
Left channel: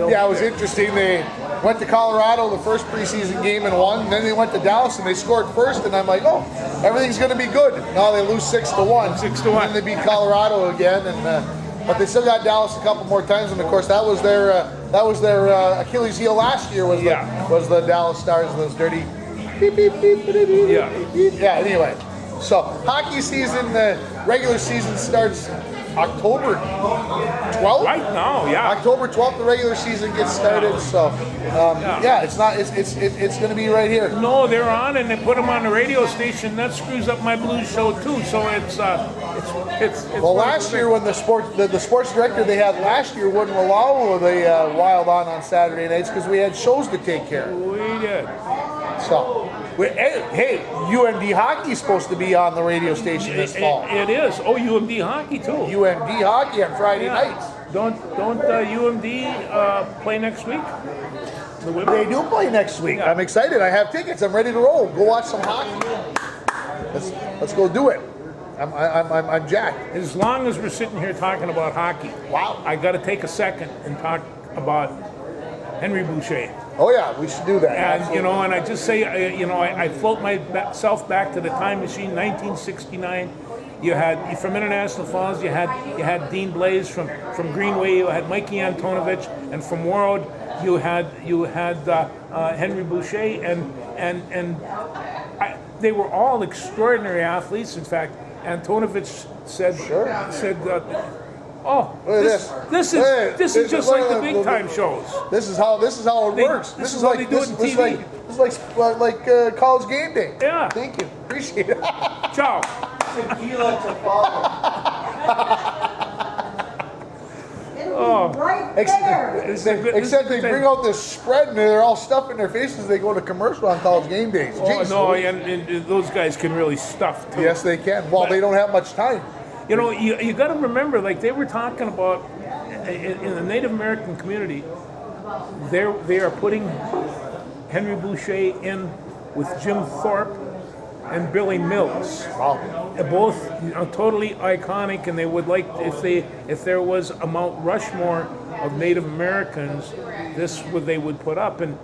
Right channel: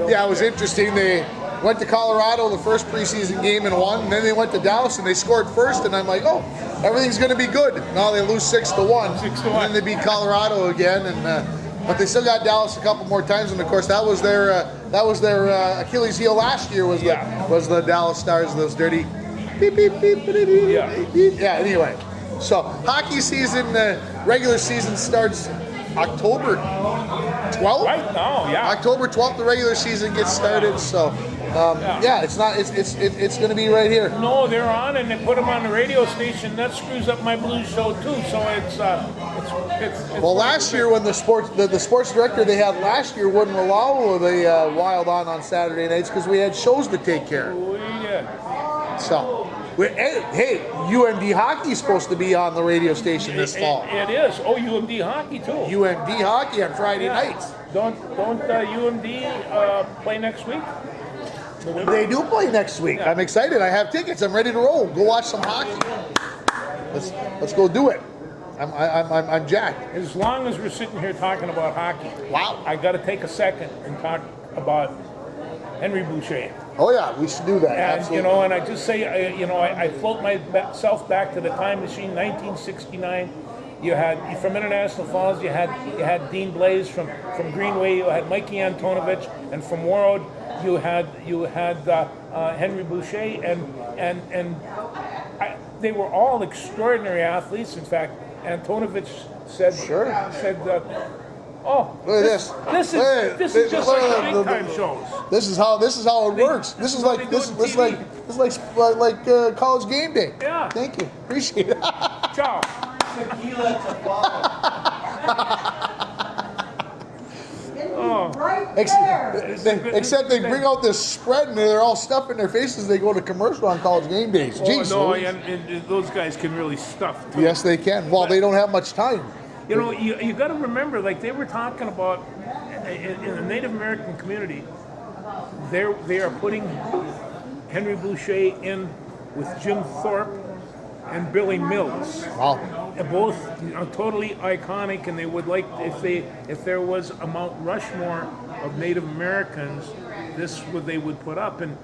Yeah, it was interesting. They went to Colorado the first preseason game and won, and then they went to Dallas and they scored first, and I'm like, oh, everything's going to be good. Now they lose 6-1. 6-1. And then they beat Colorado again, and but they still got Dallas a couple more times, and of course that was their Achilles heel last year was the Dallas Stars, those dirty beep, beep, beep, beep, beep, Yeah. beep. Yeah. Anyway, so hockey season, regular season starts October 12th. Right now, yeah. October 12th, the regular season gets started. So, it's going to be right here. No, they're on, and they put them on the radio station. That screws up my blues show too. So it's Well, last year when the sports director they had last year wouldn't allow the Wild on Saturday nights because we had shows to take care of. we did. So, hey, UMD hockey is supposed to be on the radio station this fall. It is. Oh, UMD hockey too. UMD hockey on Friday nights. Don't UMD play next week? They do play next week. Yeah. I'm excited. I have tickets. I'm ready to roll. Go watch some hockey. Let's go do it. I'm jacked. As long as we're sitting here talking about hockey, Wow. I got to take a second and talk about Henry Boucher. Oh yeah, we should do that. And Absolutely. and I just say, I float myself back to the time machine, 1969. You had from International Falls, you had Dean Blaze from Greenway, you had Mikey Antonovich, and from Warroad, you had Henry Boucher, and they were all extraordinary athletes. In fact, Antonovich said, "Oh, this is just like the big time shows." This is how it works. this is what they do on TV. This is like college game day. Yeah. Thank you. Appreciate it. Ciao. Right there. This is a good- Except this they is bring out this spread and they're all stuffed in their faces. And they go to commercial on college game days. Oh Jeez. no, and those guys can really stuff too. Yes, they can. Well, they don't have much time. You know, you got to remember, like they were talking about in the Native American community, they are putting Henry Boucher in with Jim Thorpe and Billy Mills. Wow. Both totally iconic, and they would like if there was a Mount Rushmore of Native Americans, this would they would put up, and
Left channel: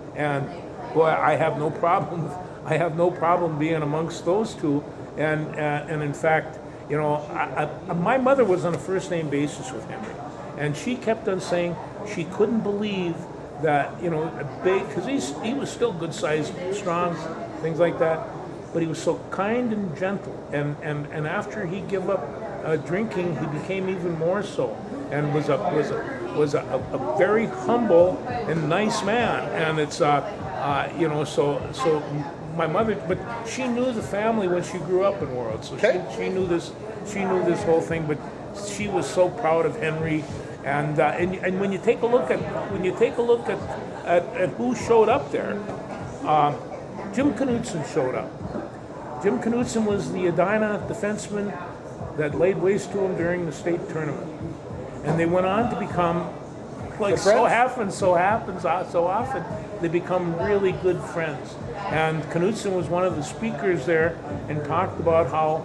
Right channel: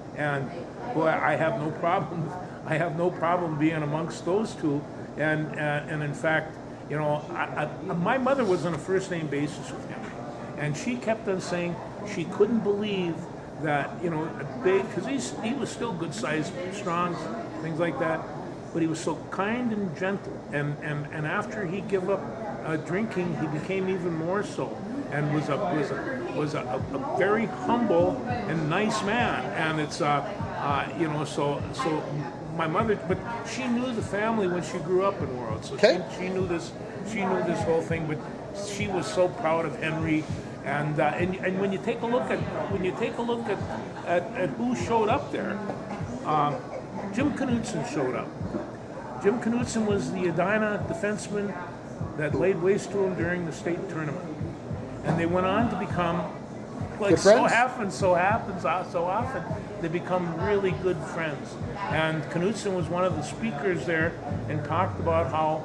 boy, I have no problem I have no problem being amongst those two. And in fact, you know, my mother was on a first name basis with Henry, and she kept on saying she couldn't believe that, you know, a big, because he was still good sized, strong, things like that, but he was so kind and gentle. And after he gave up drinking, he became even more so, and was a very humble and nice man. And it's you know, so my mother, but she knew the family when she grew up in World, so she knew this whole thing. But she was so proud of Henry, and when you take a look at who showed up there, Jim Knutson showed up. Jim Knutson was the Edina defenseman that laid waste to him during the state tournament, and they went on to become, like so happens often, they become really good friends. And Knutson was one of the speakers there and talked about how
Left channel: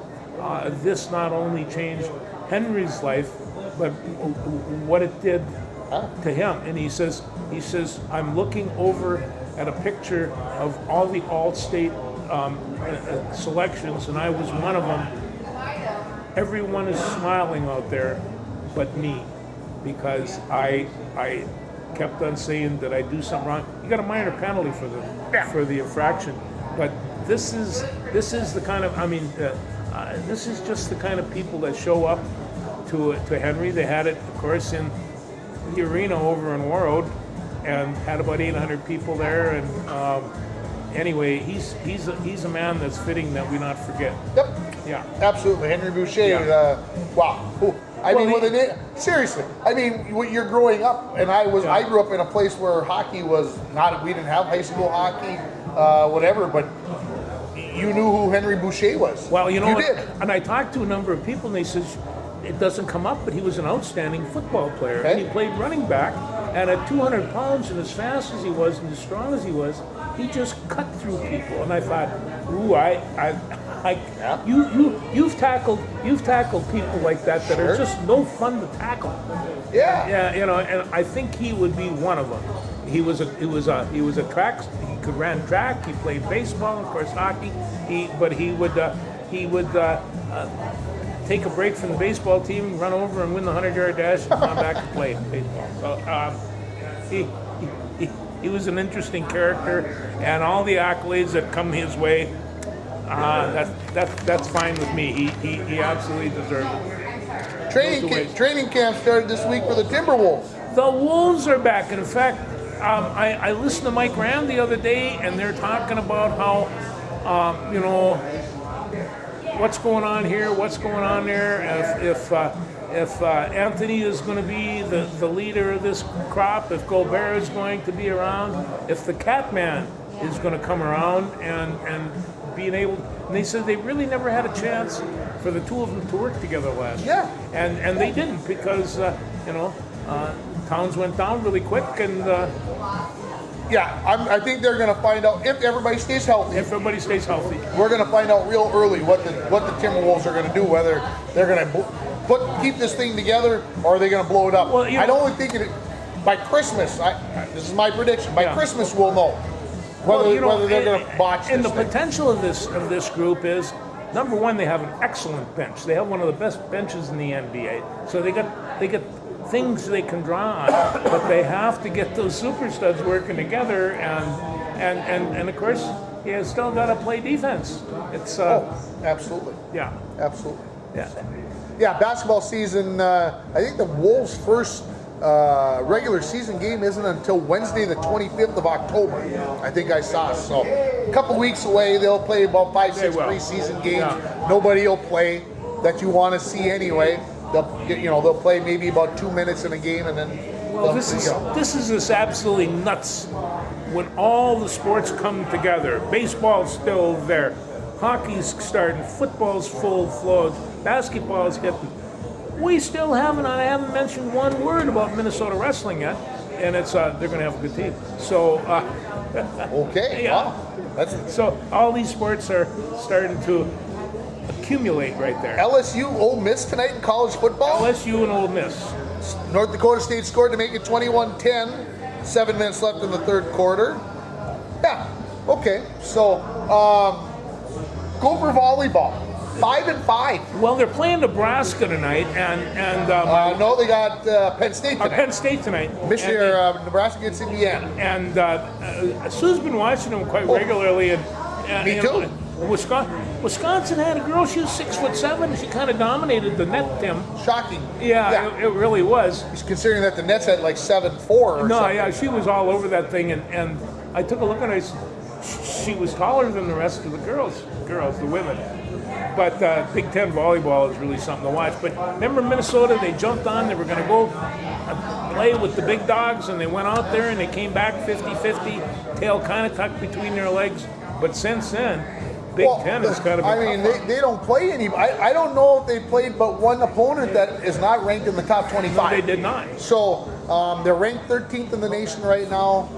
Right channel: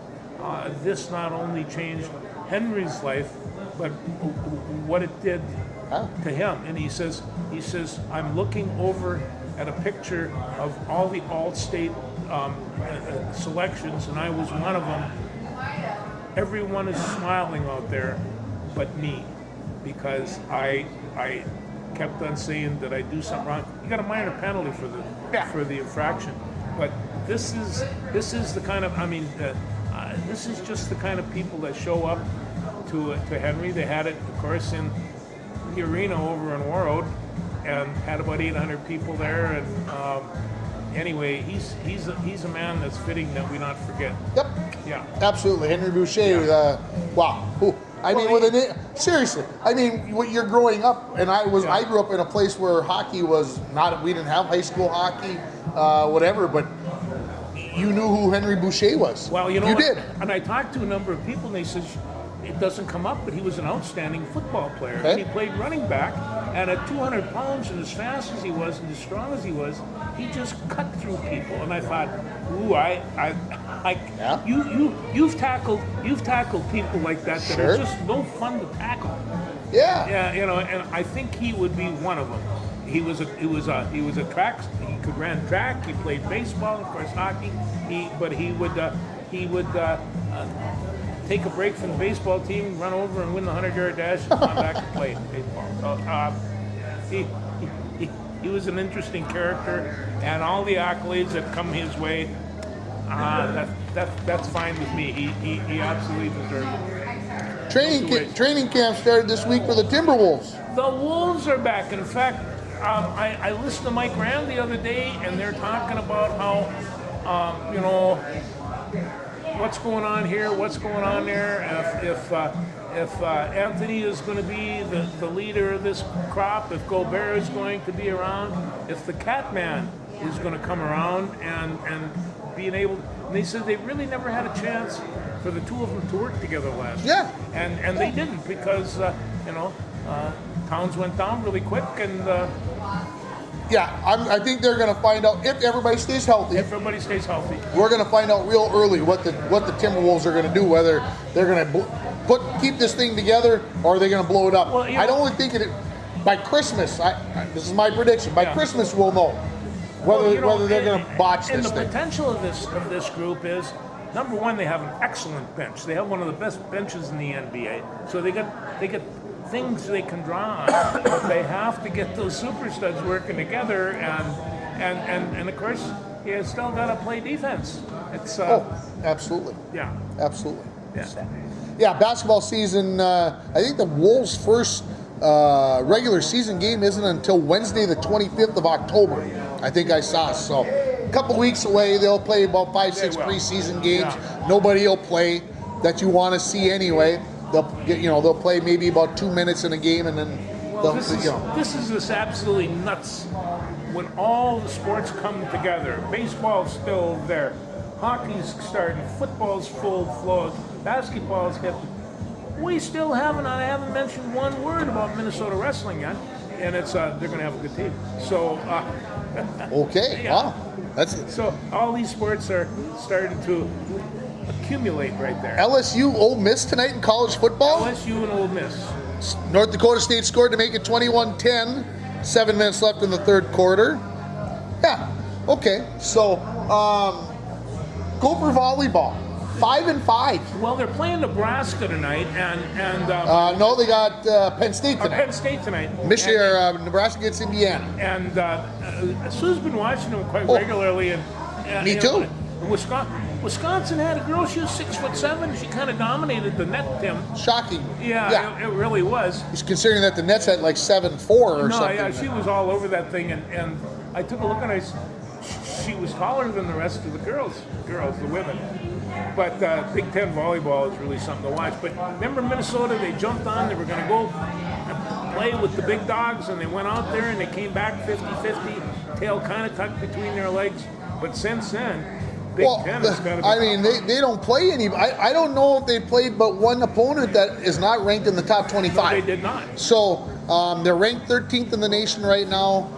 this not only changed Henry's life, but what it did to him. And he says, I'm looking over at a picture of all the all-state selections, and I was one of them. Everyone is smiling out there but me, because I kept on saying that I do something wrong. You got a minor penalty for the infraction, but this is the kind of, I mean, this is just the kind of people that show up to Henry. They had it, of course, in the arena over in Warroad, and had about 800 people there. And anyway, he's a man that's fitting that we not forget. Yep. Yeah. Absolutely, Henry Boucher. Wow. Ooh. I mean, seriously. I mean, when you're growing up, and I grew up in a place where hockey was not. We didn't have high school hockey, whatever. But you knew who Henry Boucher was. Well, you know, you did. And I talked to a number of people, and they said it doesn't come up, but he was an outstanding football player, and he played running back. And at 200 pounds, and as fast as he was, and as strong as he was, he just cut through people. And I thought, ooh, you've tackled people like that are just no fun to tackle. Yeah. Yeah, you know, and I think he would be one of them. He was a track. He could run track. He played baseball, of course, hockey. But he would take a break from the baseball team, run over and win the 100-yard dash, and come back to play baseball. So he was an interesting character, and all the accolades that come his way, that's fine with me. He absolutely deserves it. Training camp started this week for the Timberwolves. The Wolves are back. And in fact, I listened to Mike Rand the other day, and they're talking about how, you know, what's going on here, what's going on there. If Anthony is going to be the leader of this crop, if Gobert is going to be around, if the Catman is going to come around and being able. And they said they really never had a chance for the two of them to work together last year. Yeah. And they didn't, because you know, Towns went down really quick, and I think they're going to find out if everybody stays healthy. if everybody stays healthy. We're going to find out real early what the Timberwolves are going to do, whether they're going to keep this thing together or are they going to blow it up. Well, I don't think by Christmas. This is my prediction. By Christmas, we'll know whether they're going to botch this. And the thing. potential of this group is, number one, they have an excellent bench. They have one of the best benches in the NBA. So they get things they can draw on, but they have to get those super studs working together, and of course, you still got to play defense. It's absolutely. Yeah. Absolutely. Yeah. Yeah, basketball season. I think the Wolves' first regular season game isn't until Wednesday, the 25th of October. I think I saw. So a couple weeks away. They'll play about 5-6 preseason games. Yeah. Nobody will play that you want to see anyway. They'll play maybe about 2 minutes in a game, and then this is absolutely nuts. When all the sports come together, baseball's still there, hockey's starting, football's full flow, basketball's hitting. We still haven't. I haven't mentioned one word about Minnesota wrestling yet, and it's they're going to have a good team. So okay, yeah. wow, that's it. So all these sports are starting to accumulate right there. LSU, Ole Miss tonight in college football. LSU and Ole Miss. North Dakota State scored to make it 21-10. 7 minutes left in the third quarter. Yeah, okay. So Gopher volleyball, 5-5. Well, they're playing Nebraska tonight, and No, they got Penn State tonight. Penn State tonight. Michigan, Nebraska gets Indiana. And Sue's been watching them quite regularly, and Me you know, too. Wisconsin had a girl. She was 6'7". She kind of dominated the net, Tim. Shocking. Yeah, it really was. Considering that the Nets had like 7-4 or No, something. yeah, she was all over that thing, and I took a look and she was taller than the rest of the girls, the women. But Big Ten volleyball is really something to watch. But remember Minnesota, they jumped on, they were going to go play with the big dogs, and they went out there and they came back 50-50, tail kind of tucked between their legs. But since then, Big Ten has got to be... I mean, they don't play any. I don't know if they played but one opponent that is not ranked in the top 25. No, they did not. So they're ranked 13th in the nation right now.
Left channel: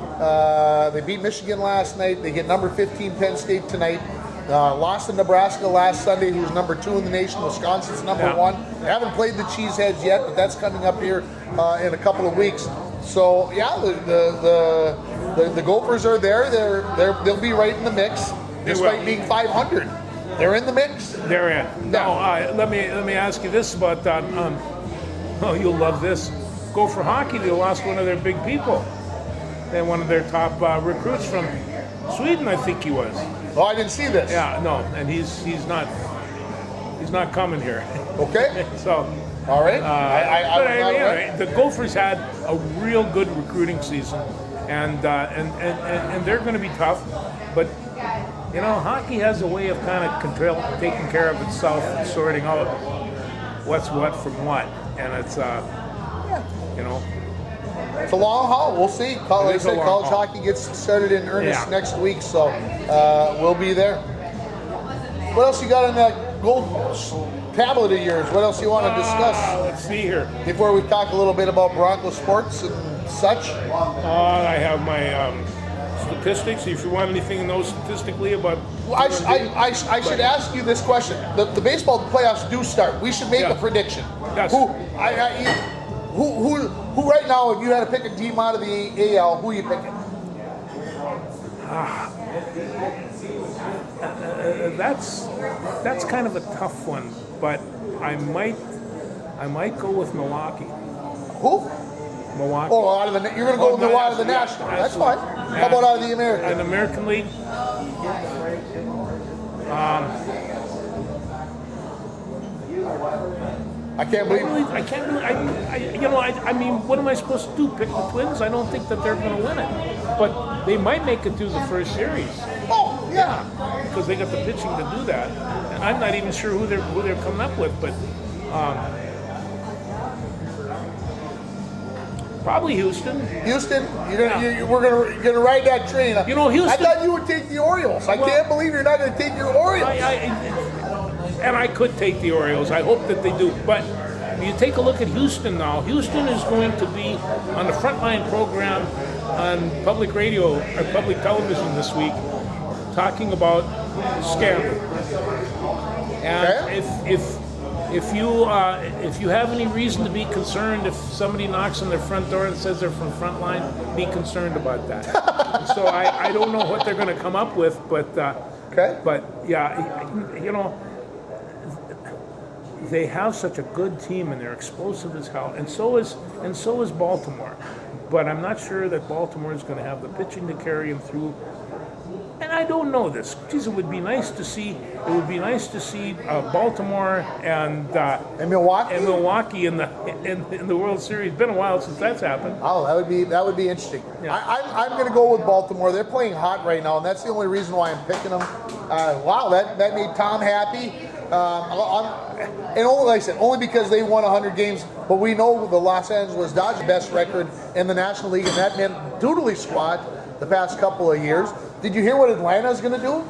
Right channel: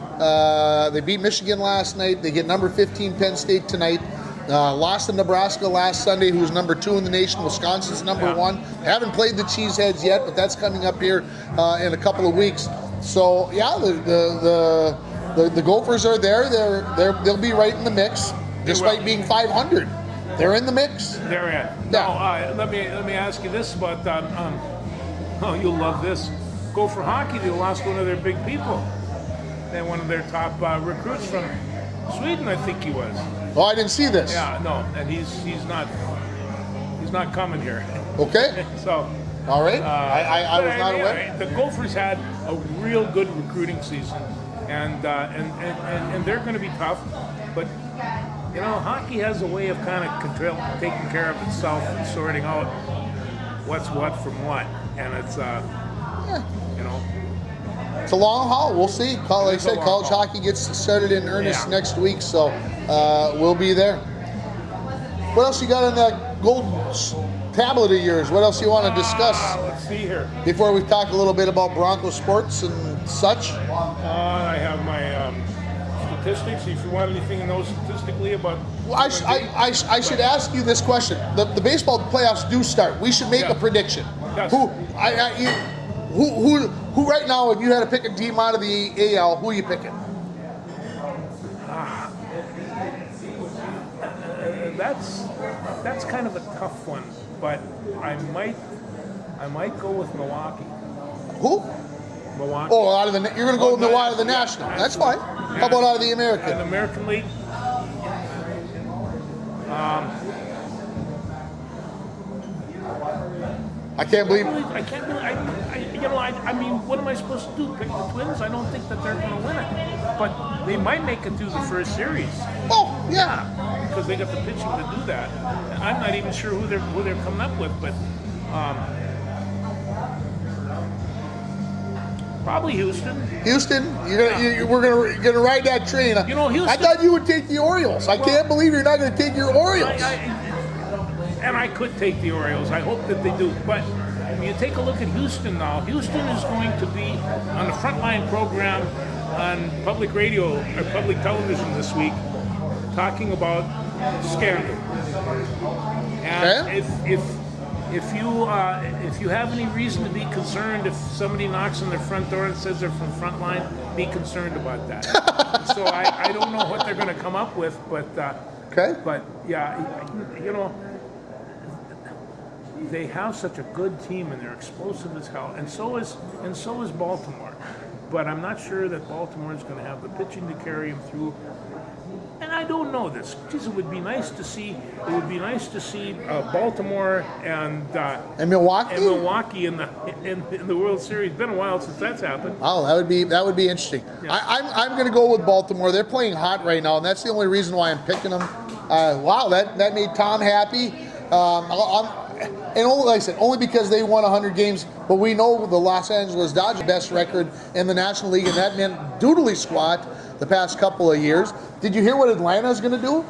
They beat Michigan last night. They get number 15 Penn State tonight. Lost to Nebraska last Sunday, who's number 2 in the nation. Wisconsin's number 1. They haven't played the Cheeseheads yet, but that's coming up here in a couple of weeks. So yeah, the Gophers are there. They'll be right in the mix, despite being 500. They're in the mix. They're in. Yeah. Now, let me ask you this about oh, you'll love this. Gopher hockey, they lost one of their big people. They one of their top recruits from Sweden, I think he was. Oh, I didn't see this. Yeah, no, and he's not coming here. Okay. So. All right. I But was not aware. anyway, the Gophers had a real good recruiting season, and they're going to be tough. But you know, hockey has a way of kind of taking care of itself and sorting out what's what from what, and it's you know. It's a long haul. We'll see. Like I is a said, long college haul. hockey gets started in earnest Yeah. next week, so we'll be there. What else you got on that gold tablet of yours? What else you want to discuss Let's see here. before we talk a little bit about Bronco sports and such? I have my statistics. If you want anything to know statistically about, I should ask you this question. The baseball playoffs do start. We should make Yeah. a prediction. Yes. Who right now, if you had to pick a team out of the AL, who are you picking? that's kind of a tough one, but I might go with Milwaukee. Who? Milwaukee. Oh, out of the you're going to go with out of the National. That's fine. How about out of the American? And American League. I can't believe. I can't really. I mean, what am I supposed to do? Pick the Twins? I don't think that they're going to win it, but they might make it through the first series Oh, yeah. because they got the pitching to do that. And I'm not even sure who they're coming up with, but probably Houston. Houston, we're gonna ride that train. You know, Houston- I thought you would take the Orioles. I can't believe you're not gonna take your Orioles. And I could take the Orioles. I hope that they do. But you take a look at Houston now. Houston is going to be on the Frontline program on public radio or public television this week, talking about scandal. And Okay. if you have any reason to be concerned if somebody knocks on their front door and says they're from Frontline, be concerned about that. So I don't know what they're going to come up with, but Okay. but yeah, you know, they have such a good team and they're explosive as hell, and so is Baltimore. But I'm not sure that Baltimore is going to have the pitching to carry them through. And I don't know this. Geez, it would be nice to see. It would be nice to see Baltimore and Milwaukee. in the World Series. It's been a while since that's happened. Oh, that would be interesting. Yeah. I'm going to go with Baltimore. They're playing hot right now, and that's the only reason why I'm picking them. Wow, that made Tom happy. And only, like I said, only because they won 100 games. But we know the Los Angeles Dodgers' best record in the National League, and that meant doodly squat the past couple of years. Did you hear what Atlanta is going to do?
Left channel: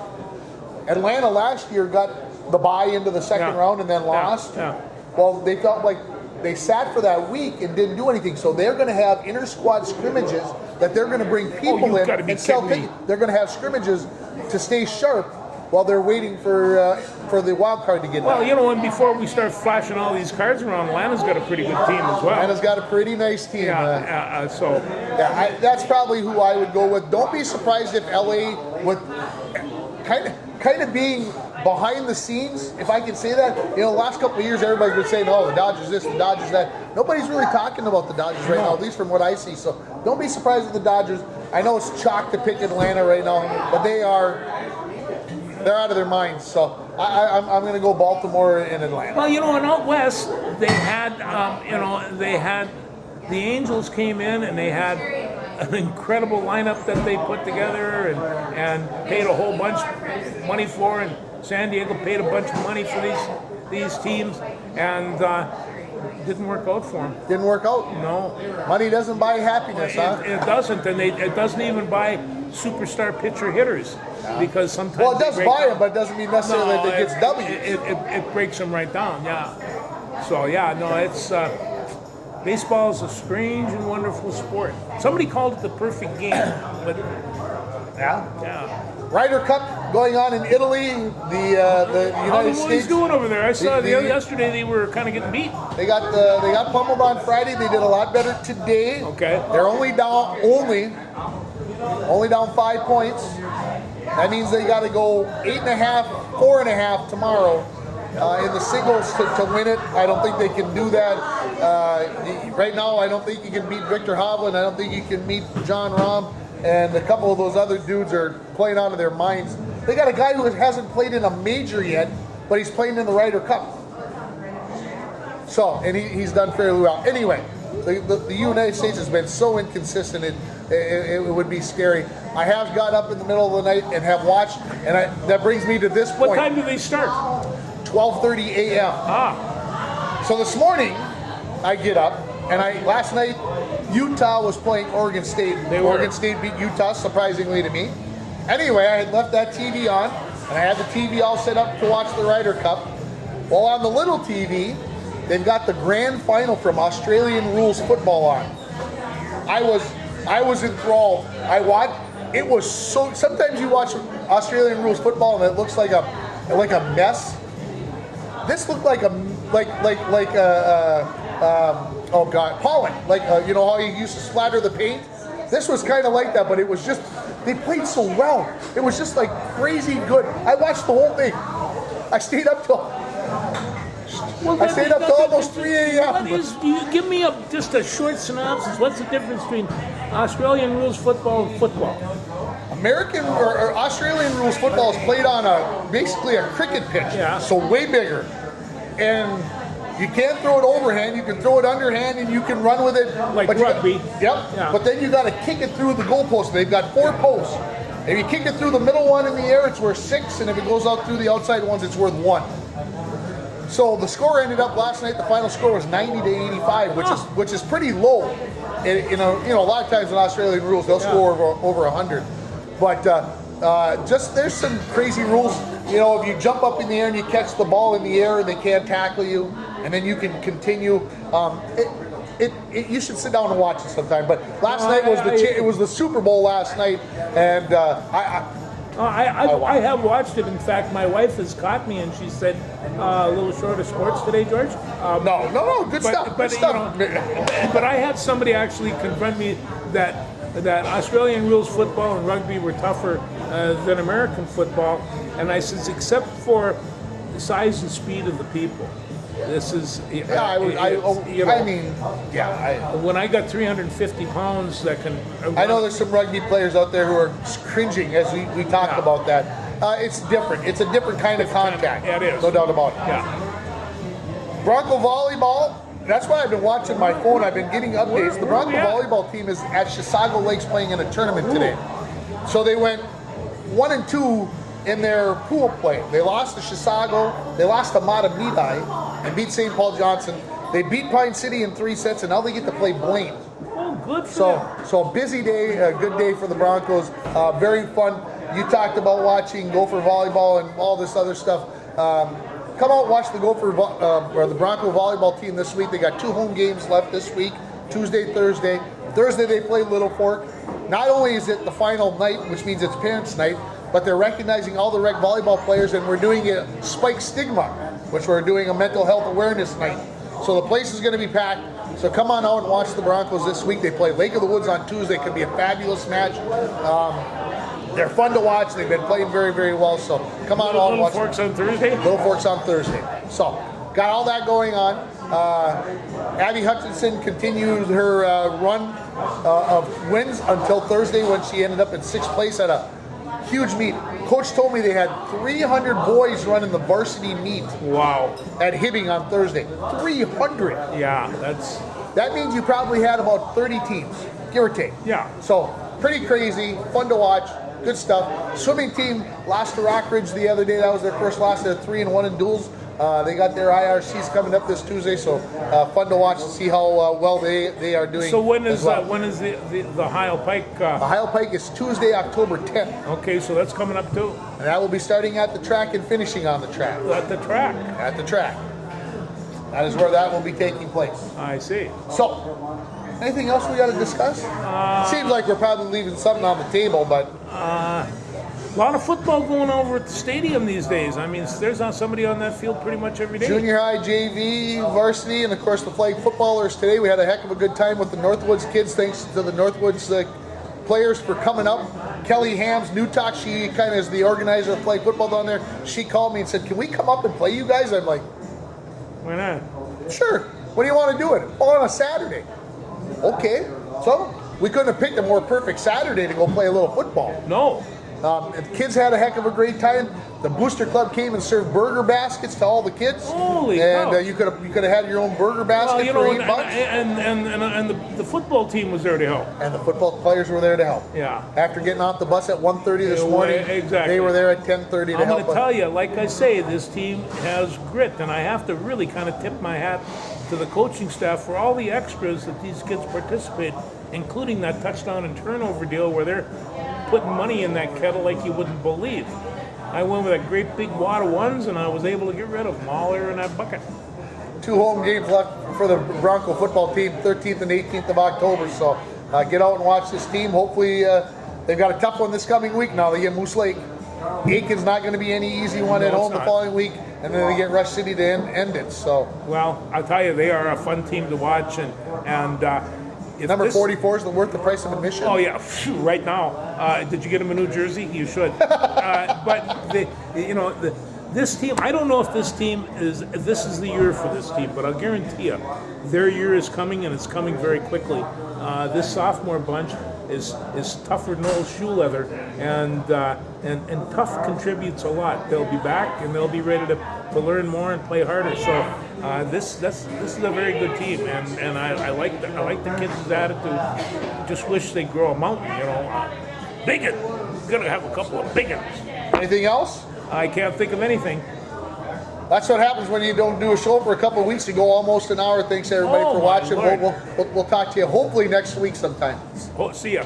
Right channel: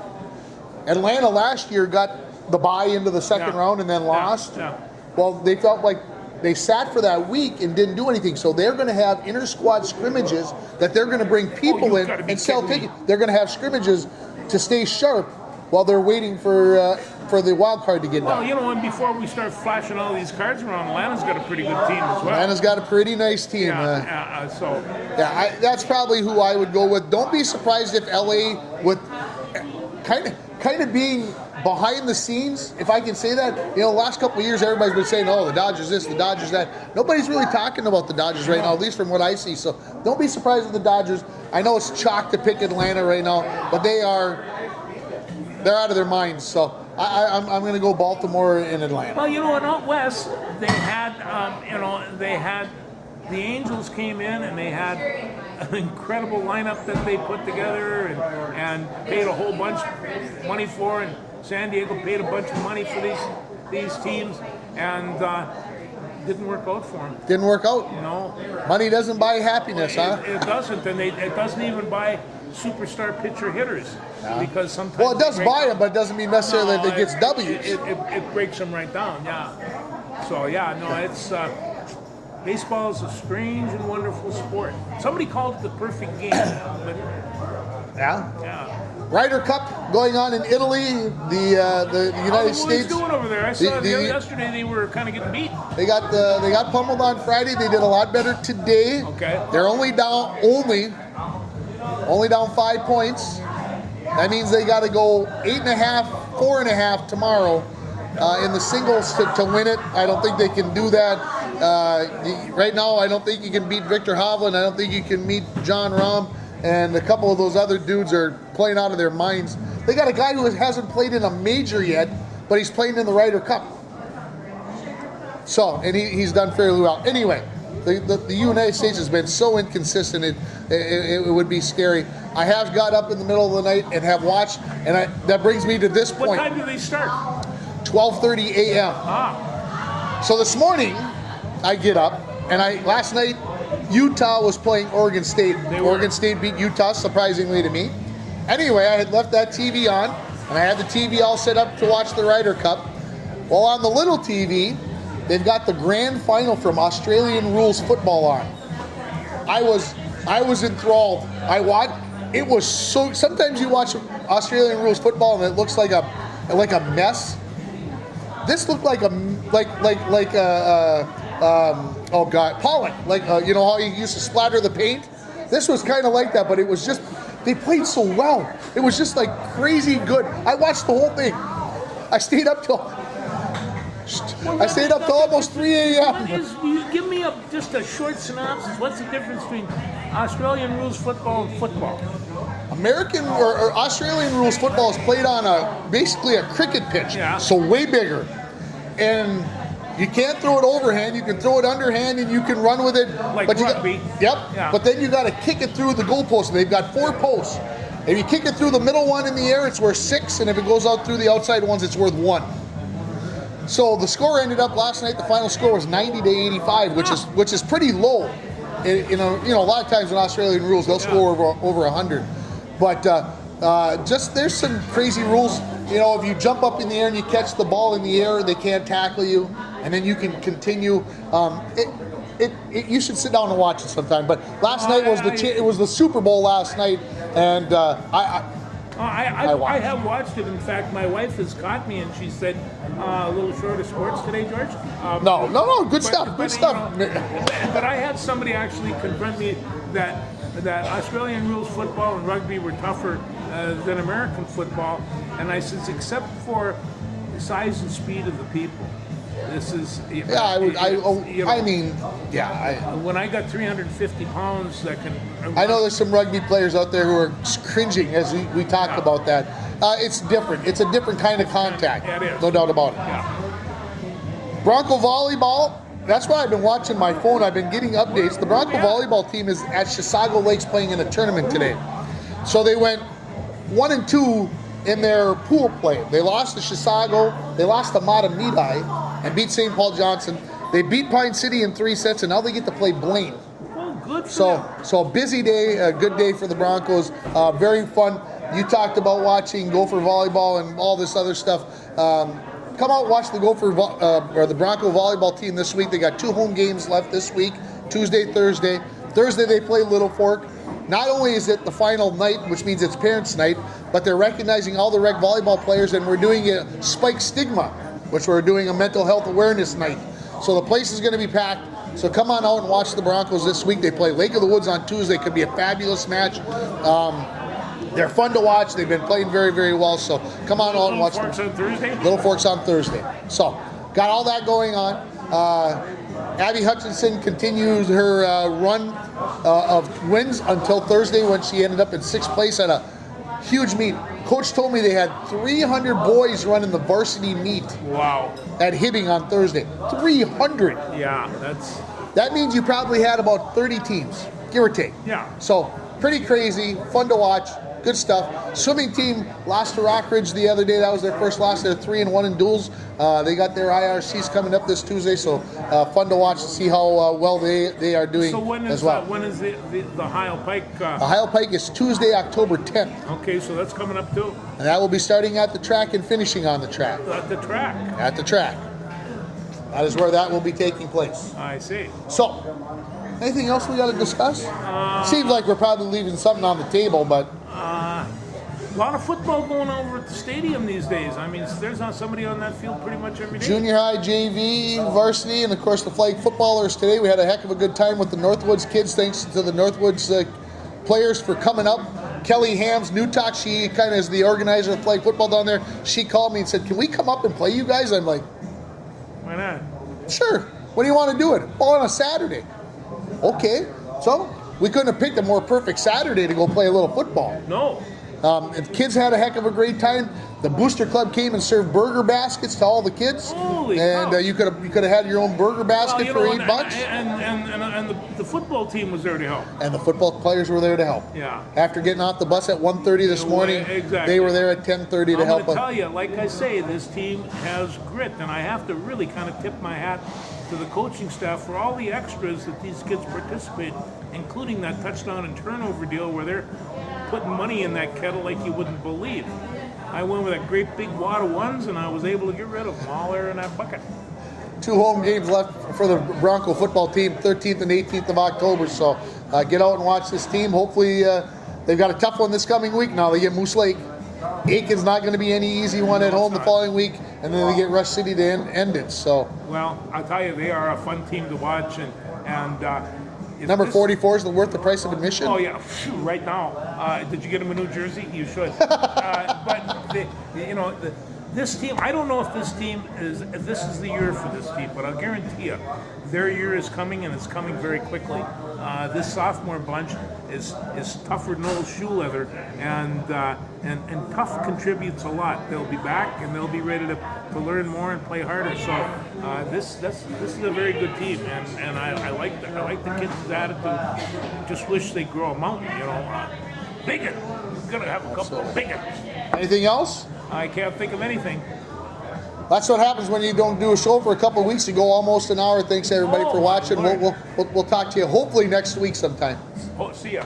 Atlanta last year got the bye into the second round and then lost. Yeah. Well, they felt like they sat for that week and didn't do anything. So they're going to have inter-squad scrimmages that they're going to bring people you've in gotta be and sell kidding me. tickets. They're going to have scrimmages to stay sharp while they're waiting for the wild card to get Well, done. you know, and before we start flashing all these cards around, Atlanta's got a pretty good team as well. Atlanta's got a pretty nice team. So That's probably who I would go with. Don't be surprised if LA with kind of being behind the scenes, if I can say that. You know, the last couple of years, everybody's been saying, "Oh, the Dodgers this, the Dodgers that." Nobody's really talking about the Dodgers right now, at least from what I see. So don't be surprised with the Dodgers. I know it's chalk to pick Atlanta right now, but they're out of their minds. So I'm going to go Baltimore and Atlanta. Well, you know, and out west, they had, the Angels came in and they had an incredible lineup that they put together and paid a whole bunch of money for, and San Diego paid a bunch of money for these teams, and didn't work out for them. Didn't work out. No, Money doesn't buy happiness, huh? it doesn't, and it doesn't even buy superstar pitcher hitters, because sometimes Well, it they does break buy down. them, but it doesn't mean necessarily that it gets W's. It breaks them right down, yeah. So yeah, no, it's baseball is a strange and wonderful sport. Somebody called it the perfect game. But, yeah. Ryder Cup going on in Italy, the United What States. are you doing over there? I saw The- yesterday they were kind of getting beat. They got pummeled on Friday. They did a lot better today. Okay. They're only down 5 points. That means they got to go 8.5, 4.5 tomorrow in the singles to win it. I don't think they can do that. Right now, I don't think you can beat Victor Hovland. I don't think you can meet John Rahm. And a couple of those other dudes are playing out of their minds. They got a guy who hasn't played in a major yet, but he's playing in the Ryder Cup. So, and he's done fairly well. Anyway, the United States has been so inconsistent, it would be scary. I have got up in the middle of the night and have watched, and that brings me to this What point. time do they start? 12:30 a.m. Ah, So this morning, I get up, and last night, Utah was playing Oregon State. They were. Oregon State beat Utah, surprisingly to me. Anyway, I had left that TV on, and I had the TV all set up to watch the Ryder Cup. Well, on the little TV, they've got the grand final from Australian rules football on. I was enthralled. It was so. Sometimes you watch Australian rules football and it looks like a mess. This looked like oh god, pollen. You know how you used to splatter the paint. This was kind of like that, but it was just they played so well. It was just like crazy good. I watched the whole thing. I stayed up till almost 3 a.m. you give me just a short synopsis. What's the difference between Australian rules football and football? American or Australian rules football is played on basically a cricket pitch, Yeah. so way bigger, and you can't throw it overhand. You can throw it underhand, and you can run with it Like but rugby. Yep. Yeah. But then you got to kick it through the goalpost. They've got 4 posts. If you kick it through the middle one in the air, it's worth 6, and if it goes out through the outside ones, it's worth 1. So the score ended up last night. The final score was 90-85, which is pretty low. You know, a lot of times in Australian rules they'll score over 100, but just there's some crazy rules. You know, if you jump up in the air and you catch the ball in the air, they can't tackle you, and then you can continue. You should sit down and watch it sometime. But last night was it was the Super Bowl last night, and I have watched it. In fact, my wife has caught me, and she said, "A little short of sports today, George." no, good stuff. Good stuff. But I had somebody actually confront me that Australian rules football and rugby were tougher than American football, and I said, except for the size and speed of the people. This is. When I got 350 pounds, that can. I know there's some rugby players out there who are cringing as we talked about that. It's different. It's a different kind of contact. It is. No doubt about it. Yeah. Bronco volleyball. That's why I've been watching my phone. I've been getting updates. The Bronco volleyball team is at Chisago Lakes playing in a tournament today. So they went 1-2 in their pool play. They lost to Chisago. They lost to Matamidi. They beat St. Paul Johnson. They beat Pine City in 3 sets, and now they get to play Blaine. Oh, good for them. So a busy day, a good day for the Broncos. Very fun. You talked about watching Gopher volleyball and all this other stuff. Come out, watch the the Bronco volleyball team this week. They got 2 home games left this week, Tuesday, Thursday. Thursday they play Little Fork. Not only is it the final night, which means it's parents' night, but they're recognizing all the rec volleyball players, and we're doing a Spike Stigma, which we're doing a mental health awareness night. So the place is going to be packed. So come on out and watch the Broncos this week. They play Lake of the Woods on Tuesday. Could be a fabulous match. They're fun to watch. They've been playing very, very well. So come on and watch them. Forks on Thursday? Little Forks on Thursday. So, got all that going on. Abby Hutchinson continues her run of wins until Thursday when she ended up in 6th place at a huge meet. Coach told me they had 300 boys running the varsity meet Wow. at Hibbing on Thursday. 300. Yeah, That means you probably had about 30 teams, give or take. Yeah. So, pretty crazy, fun to watch, good stuff. Swimming team lost to Rockridge the other day. That was their first loss. They're 3-1 in duels. They got their IRCs coming up this Tuesday, so fun to watch to see how well they are doing. So when is as well. when is the Heil Pike? The Heil Pike is Tuesday, October 10th, Okay, so that's coming up too. and that will be starting at the track and finishing on the track. At the track. At the track. That is where that will be taking place. I see. So, anything else we got to discuss? Seems like we're probably leaving something on the table, but A lot of football going over at the stadium these days. I mean, there's not somebody on that field pretty much every day. junior high, JV, varsity, and of course the flag footballers today. We had a heck of a good time with the Northwoods kids. Thanks to the Northwoods players for coming up. Kelly Hams, Newtok, she kind of is the organizer of flag football down there. She called me and said, "Can we come up and play you guys?" I'm like, Why not? "Sure. When do you want to do it?" "Oh, on a Saturday." Okay. So we couldn't have picked a more perfect Saturday to go play a little football. No. And the kids had a heck of a great time. The Booster Club came and served burger baskets to all the kids. Holy and cow. you could have had your own burger basket Well, you for know, $8. and the football team was there to help. And the football players were there to help. Yeah. After getting off the bus at 1:30 this Yeah, morning, exactly. they were there at 10:30 to I'm help going to them. tell you, like I say, this team has grit, and I have to really kind of tip my hat to the coaching staff for all the extras that these kids participate, including that touchdown and turnover deal where they're putting money in that kettle like you wouldn't believe. I went with a great big wad of ones, and I was able to get rid of them all there in that bucket. 2 home games left for the Bronco football team, 13th and 18th of October. So get out and watch this team. Hopefully they've got a tough one this coming week now. They get Moose Lake. Aiken's not going to be any easy one at No, home it's the not. following week, and then they get Rush City to end it. So Well, I'll tell you, they are a fun team to watch, and if number this- 44 is worth the price of admission. Oh yeah, phew, right now. Did you get him a New Jersey? You should. This team. I don't know if this is the year for this team, but I'll guarantee you, their year is coming, and it's coming very quickly. This sophomore bunch is tougher than old shoe leather, and tough contributes a lot. They'll be back, and they'll be ready to learn more and play harder. So this is a very good team, and I like the kids' attitude. Just wish they'd grow a mountain, Bacon. Gonna have a couple of bacon. Anything else? I can't think of anything. That's what happens when you don't do a show for a couple of weeks. You go almost an hour. Thanks everybody Oh, for my watching. Lord. We'll talk to you hopefully next week sometime. Oh, see ya.